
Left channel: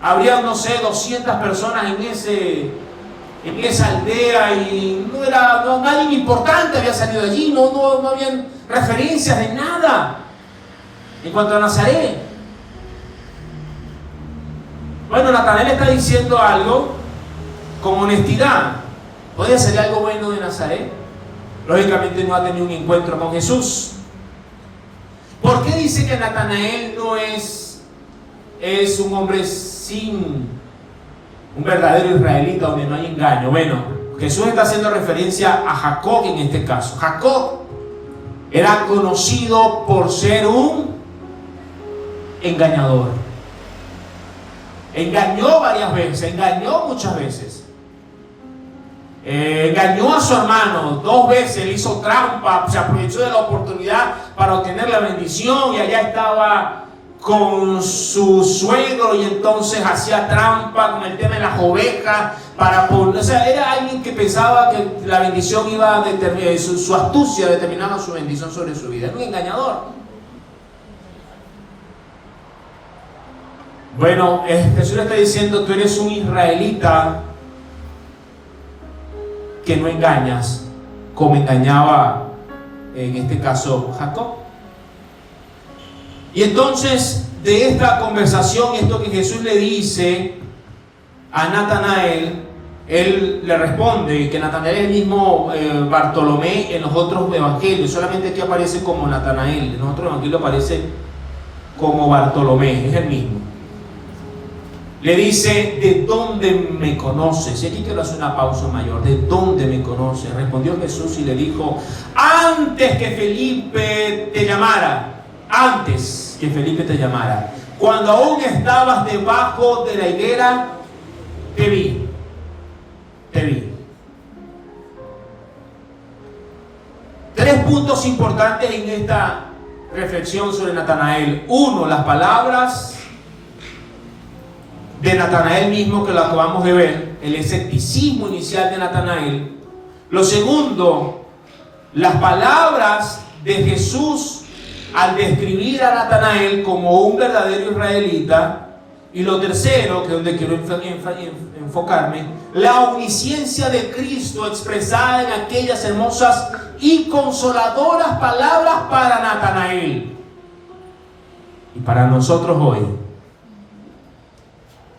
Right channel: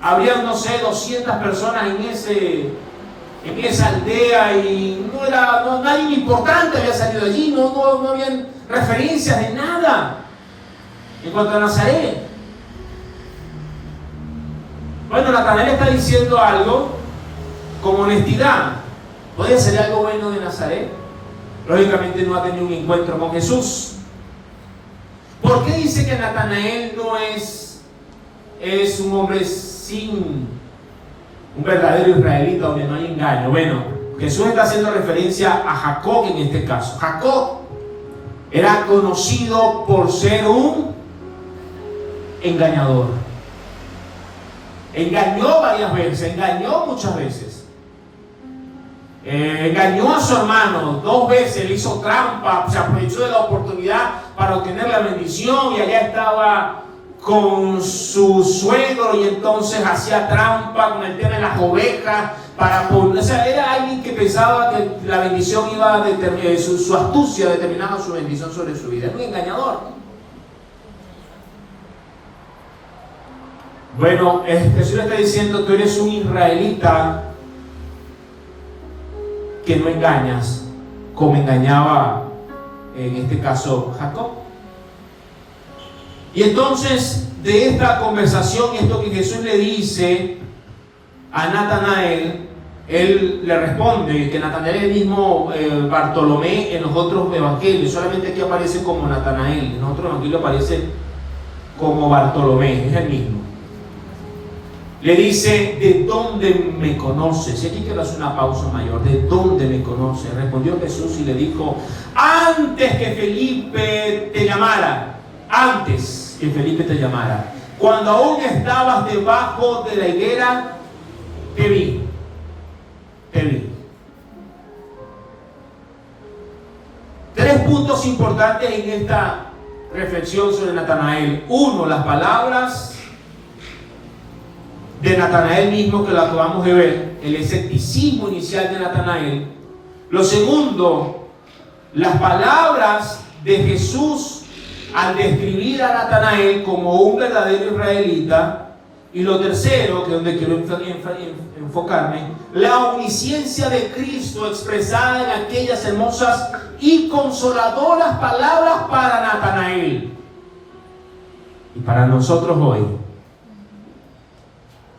Habría, no sé, 200 personas en esa aldea y nadie importante había salido de allí, no habían referencias de nada en cuanto a Nazaret. Bueno, Natanael está diciendo algo con honestidad. ¿Puede ser algo bueno de Nazaret? Lógicamente no ha tenido un encuentro con Jesús. ¿Por qué dice que Natanael no es un hombre sin un verdadero israelita donde no hay engaño? Bueno, Jesús está haciendo referencia a Jacob en este caso. Jacob era conocido por ser un engañador. Engañó varias veces, engañó muchas veces. Engañó a su hermano 2 veces, le hizo trampa, se aprovechó de la oportunidad para obtener la bendición y allá estaba con su suegro y entonces hacía trampa con el tema de las ovejas o sea, era alguien que pensaba que la bendición iba a determinar, su astucia determinaba su bendición sobre su vida. Un engañador. Bueno, Jesús le está diciendo: tú eres un israelita que no engañas, como engañaba en este caso Jacob. Y entonces, de esta conversación y esto que Jesús le dice a Natanael, él le responde que Natanael es el mismo Bartolomé en los otros evangelios, solamente aquí aparece como Natanael, en los otros evangelios aparece como Bartolomé, es el mismo. Le dice: ¿de dónde me conoces? Y aquí quiero hacer una pausa mayor. ¿De dónde me conoces? Respondió Jesús y le dijo: antes que Felipe te llamara, cuando aún estabas debajo de la higuera, te vi. 3 puntos importantes en esta reflexión sobre Natanael. 1, las palabras de Natanael mismo, que lo acabamos de ver, el escepticismo inicial de Natanael. Lo segundo, las palabras de Jesús al describir a Natanael como un verdadero israelita. Y lo tercero, que es donde quiero enfocarme, la omnisciencia de Cristo expresada en aquellas hermosas y consoladoras palabras para Natanael y para nosotros hoy.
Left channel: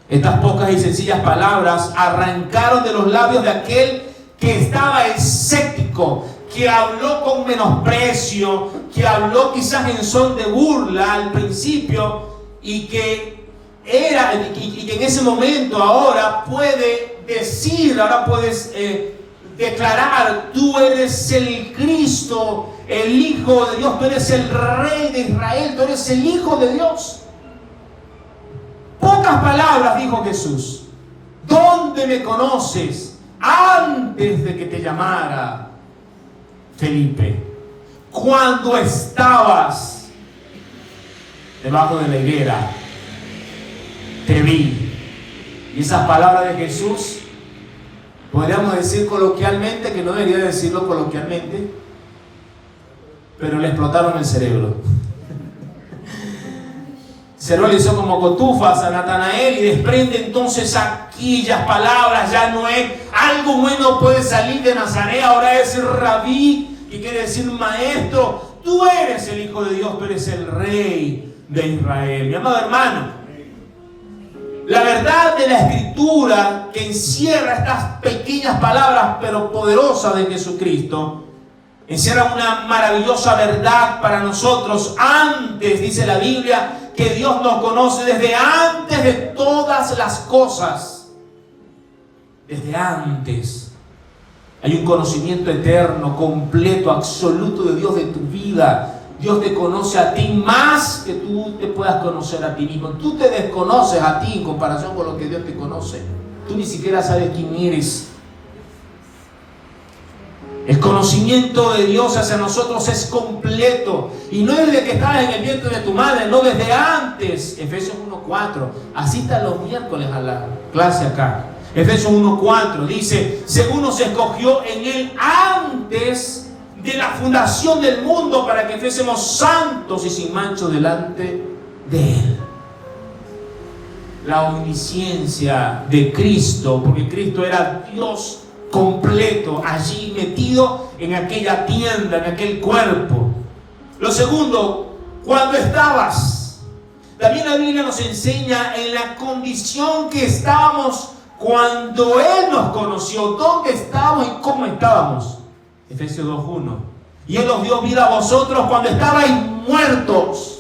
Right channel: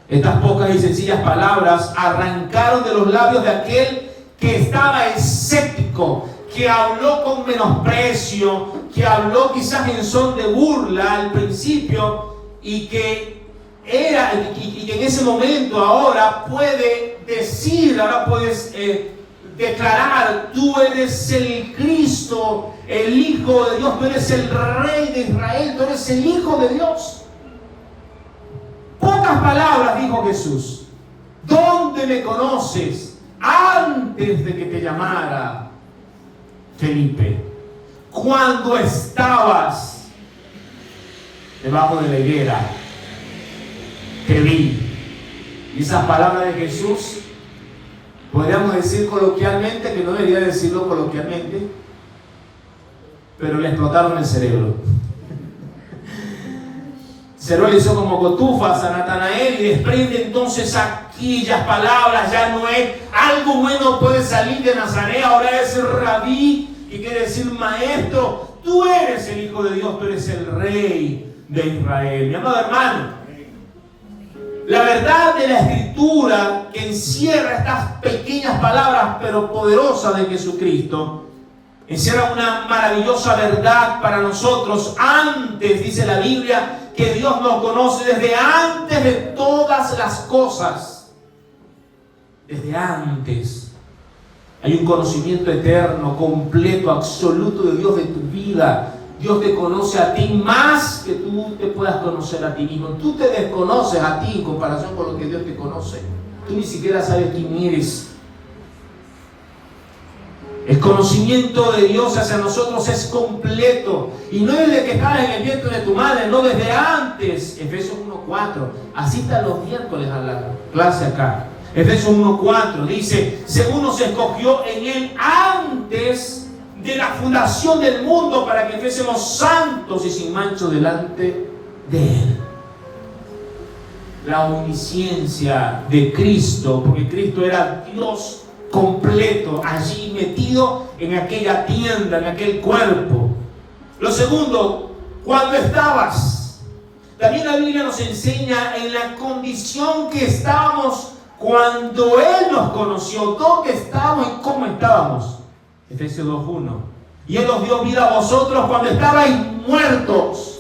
Estas pocas y sencillas palabras arrancaron de los labios de aquel que estaba escéptico, que habló con menosprecio, que habló quizás en son de burla al principio, y que en ese momento ahora puede decir, ahora puedes declarar: tú eres el Cristo, el Hijo de Dios, tú eres el Rey de Israel, tú eres el Hijo de Dios. Pocas palabras dijo Jesús. ¿Dónde me conoces? Antes de que te llamara Felipe, cuando estabas debajo de la higuera, te vi. Y esas palabras de Jesús, podríamos decir coloquialmente, que no debería decirlo coloquialmente, pero le explotaron el cerebro. se lo hizo como cotufas a Natanael y desprende entonces aquellas palabras. Ya no es algo bueno puede salir de Nazaret, ahora es rabí, que quiere decir maestro. Tú eres el Hijo de Dios, tú eres el Rey de Israel. Mi amado hermano, la verdad de la Escritura que encierra estas pequeñas palabras pero poderosas de Jesucristo, encierra una maravillosa verdad para nosotros. Antes, dice la Biblia, que Dios nos conoce desde antes de todas las cosas. Desde antes. Hay un conocimiento eterno, completo, absoluto de Dios de tu vida. Dios te conoce a ti más que tú te puedas conocer a ti mismo. Tú te desconoces a ti en comparación con lo que Dios te conoce. Tú ni siquiera sabes quién eres. El conocimiento de Dios hacia nosotros es completo. Y no es de que estabas en el vientre de tu madre, no, desde antes. Efesios 1:4. Asista los miércoles a la clase acá. Efesios 1:4 dice: según nos escogió en Él antes de la fundación del mundo para que fuésemos santos y sin mancha delante de Él. La omnisciencia de Cristo, porque Cristo era Dios completo, allí metido en aquella tienda, en aquel cuerpo. Lo segundo, cuando estabas. También la Biblia nos enseña en la condición que estábamos cuando Él nos conoció, dónde estábamos y cómo estábamos. Efesios 2:1. Y Él os dio vida a vosotros cuando estabais muertos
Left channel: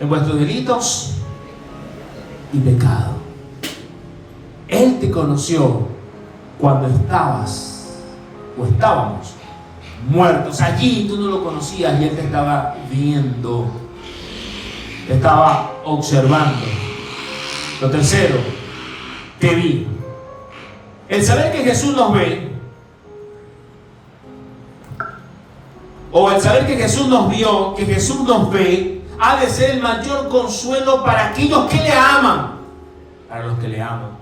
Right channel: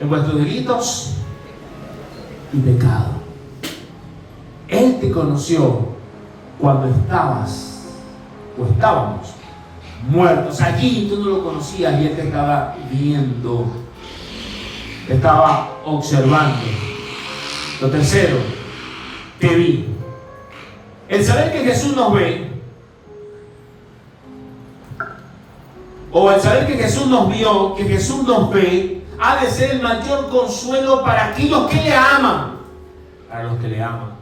en vuestros delitos y pecados. Él te conoció cuando estabas o estábamos muertos. Allí tú no lo conocías y Él te estaba viendo, te estaba observando. Lo tercero, te vi. El saber que Jesús nos ve, o el saber que Jesús nos vio, que Jesús nos ve, ha de ser el mayor consuelo para aquellos que le aman, para los que le aman.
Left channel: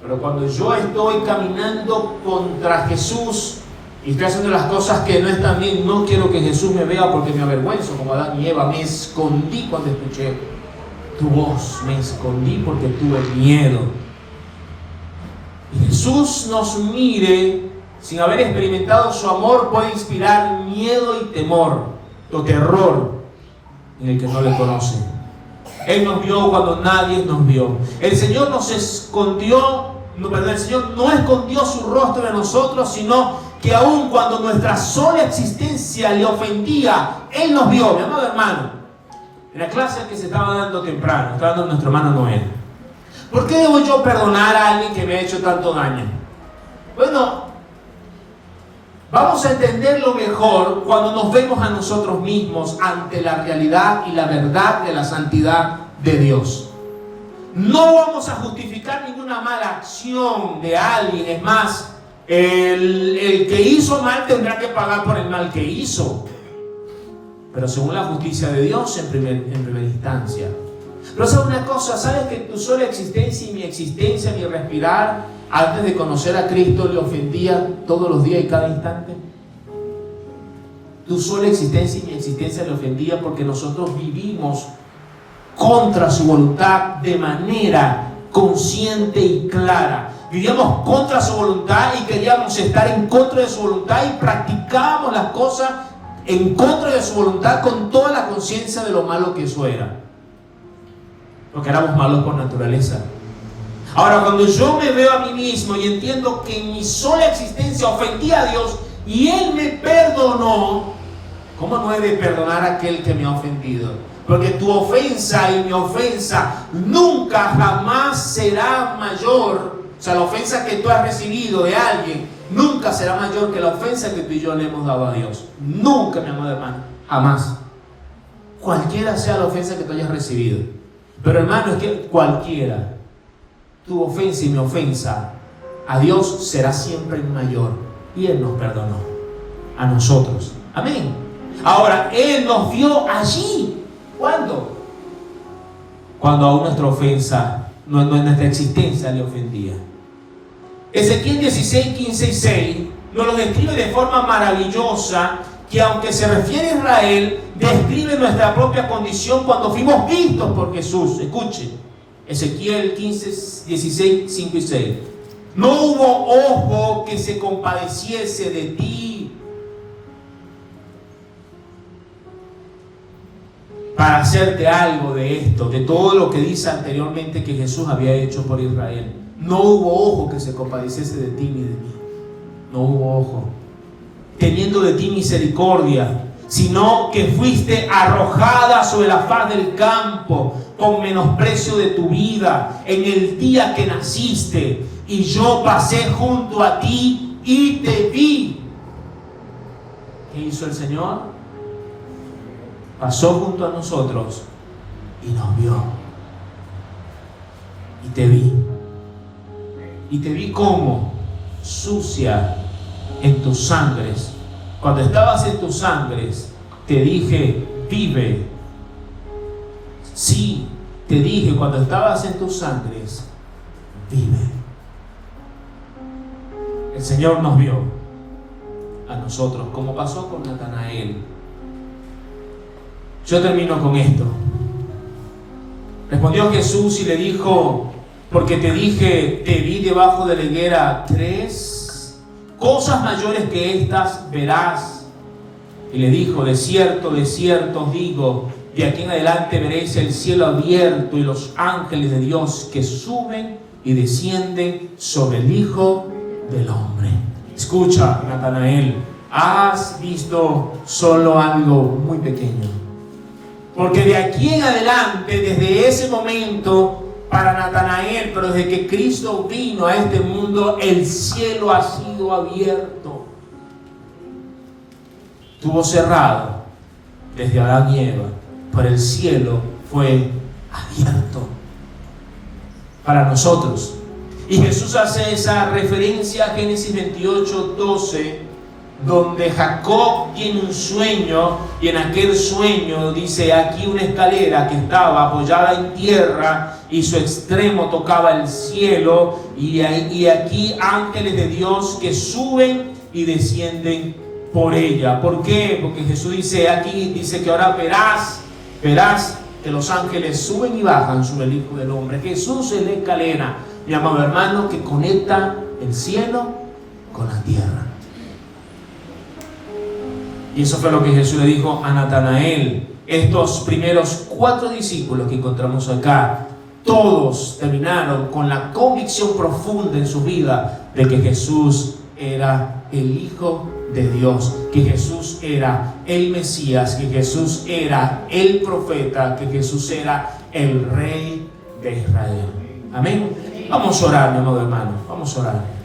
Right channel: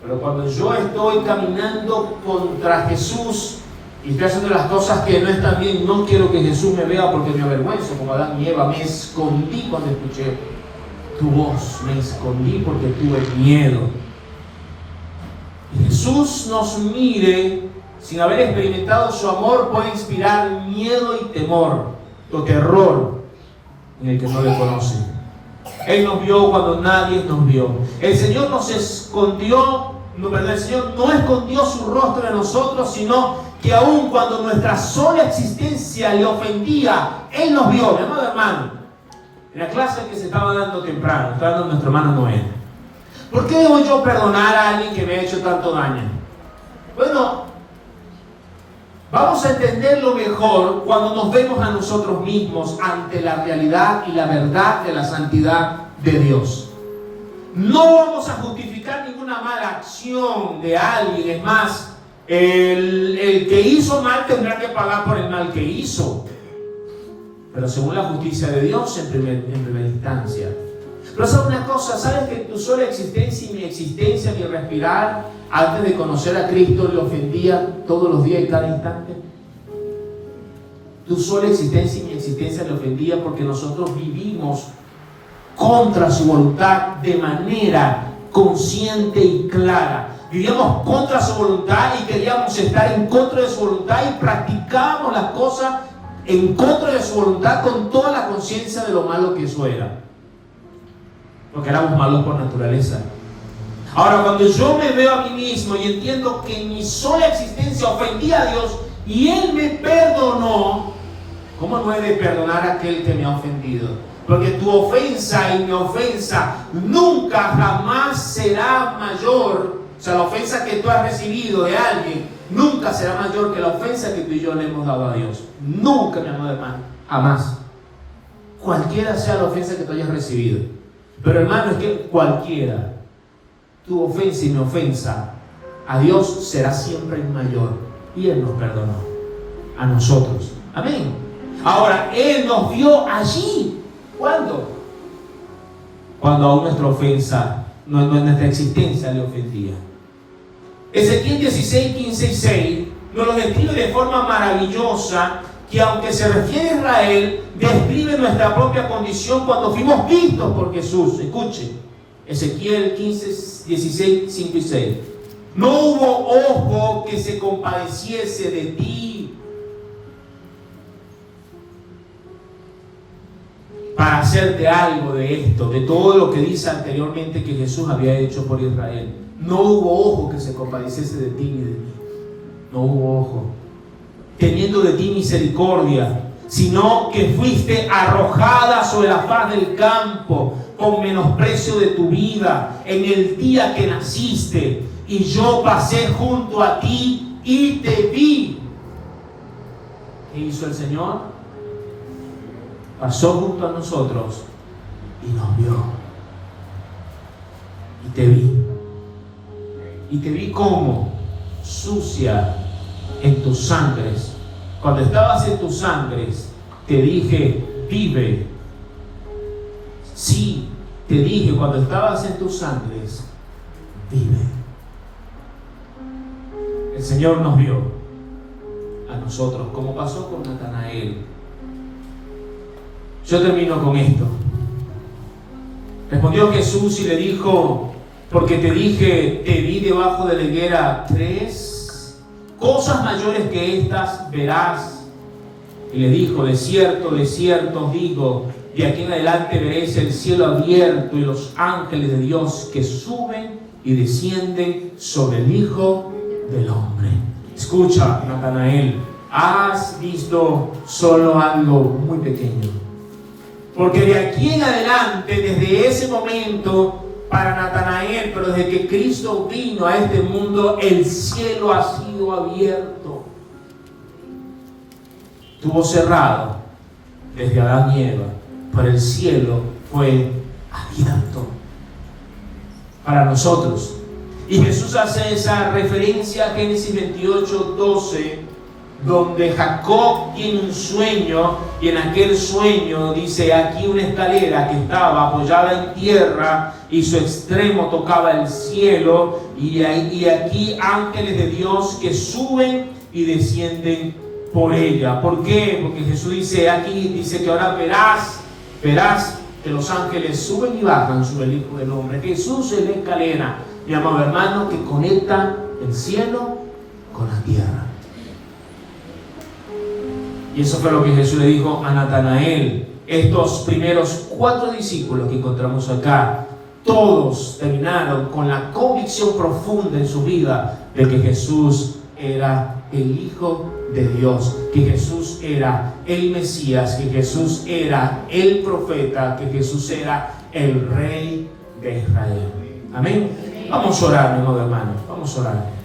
Pero cuando yo estoy caminando contra Jesús y estoy haciendo las cosas que no están bien, no quiero que Jesús me vea porque me avergüenzo, como Adán y Eva. Me escondí cuando escuché tu voz, me escondí porque tuve miedo. Y Jesús nos mire sin haber experimentado su amor puede inspirar miedo y temor o terror en el que no le conoce. Él nos vio cuando nadie nos vio. El Señor nos escondió, el Señor no escondió su rostro de nosotros, sino que aun cuando nuestra sola existencia le ofendía, Él nos vio. Mi amado hermano, en la clase que se estaba dando temprano, estaba dando nuestro hermano Noel. ¿Por qué debo yo perdonar a alguien que me ha hecho tanto daño? Bueno, vamos a entenderlo mejor cuando nos vemos a nosotros mismos ante la realidad y la verdad de la santidad de Dios. No vamos a justificar ninguna mala acción de alguien. Es más, el que hizo mal tendrá que pagar por el mal que hizo. Pero según la justicia de Dios en primera instancia. Pero ¿sabes una cosa? ¿Sabes que tu sola existencia y mi existencia, mi respirar, antes de conocer a Cristo, le ofendía todos los días y cada instante? Tu sola existencia y mi existencia le ofendía porque nosotros vivimos contra su voluntad de manera consciente y clara. Vivíamos contra su voluntad y queríamos estar en contra de su voluntad y practicábamos las cosas en contra de su voluntad con toda la conciencia de lo malo que eso era. Porque éramos malos por naturaleza. Ahora, cuando yo me veo a mí mismo y entiendo que en mi sola existencia ofendí a Dios y Él me perdonó, ¿cómo no he de perdonar a aquel que me ha ofendido? Porque tu ofensa y mi ofensa nunca jamás será mayor. O sea, la ofensa que tú has recibido de alguien nunca será mayor que la ofensa que tú y yo le hemos dado a Dios. Nunca, mi amado hermano, jamás. Cualquiera sea la ofensa que tú hayas recibido. Pero hermano, es que cualquiera, tu ofensa y mi ofensa a Dios será siempre mayor. Y Él nos perdonó a nosotros. Amén. Ahora, Él nos vio allí. ¿Cuándo? Cuando aún nuestra ofensa, nuestra existencia le ofendía. Ezequiel 16, 15 y 6 nos lo describe de forma maravillosa, que aunque se refiere a Israel, describe nuestra propia condición cuando fuimos vistos por Jesús. Escuche, Ezequiel 15, 16, 5 y 6. No hubo ojo que se compadeciese de ti para hacerte algo de esto, de todo lo que dice anteriormente que Jesús había hecho por Israel. No hubo ojo que se compadeciese de ti ni de mí. No hubo ojo teniendo de ti misericordia, sino que fuiste arrojada sobre la faz del campo con menosprecio de tu vida en el día que naciste, y yo pasé junto a ti y te vi. ¿Qué hizo el Señor? Pasó junto a nosotros y nos vio. Y te vi. Y te vi como sucia en tus sangres. Cuando estabas en tus sangres, te dije, vive. Sí, te dije cuando estabas en tus sangres, vive. El Señor nos vio a nosotros, como pasó con Natanael. Yo termino con esto. Respondió Jesús y le dijo, porque te dije, te vi debajo de la higuera 3 cosas mayores que estas verás. Y le dijo, de cierto os digo, de aquí en adelante veréis el cielo abierto y los ángeles de Dios que suben y descienden sobre el Hijo del Hombre. Escucha, Natanael, has visto solo algo muy pequeño. Porque de aquí en adelante, desde ese momento, para Natanael, pero desde que Cristo vino a este mundo, el cielo ha sido abierto. Estuvo cerrado desde Adán y Eva, pero el cielo fue abierto para nosotros. Y Jesús hace esa referencia a Génesis 28, 12, donde Jacob tiene un sueño, y en aquel sueño dice, aquí una escalera que estaba apoyada en tierra y su extremo tocaba el cielo, y aquí ángeles de Dios que suben y descienden por ella. ¿Por qué? Porque Jesús dice aquí, dice que ahora verás que los ángeles suben y bajan sobre el Hijo del Hombre. Jesús es la escalera, mi amado hermano, que conecta el cielo con la tierra. Y eso fue lo que Jesús le dijo a Natanael. Estos primeros 4 discípulos que encontramos acá, todos terminaron con la convicción profunda en su vida de que Jesús era el Hijo de Dios, que Jesús era el Mesías, que Jesús era el profeta, que Jesús era el Rey de Israel. Amén. Vamos a orar, mi amado hermano. Vamos a orar.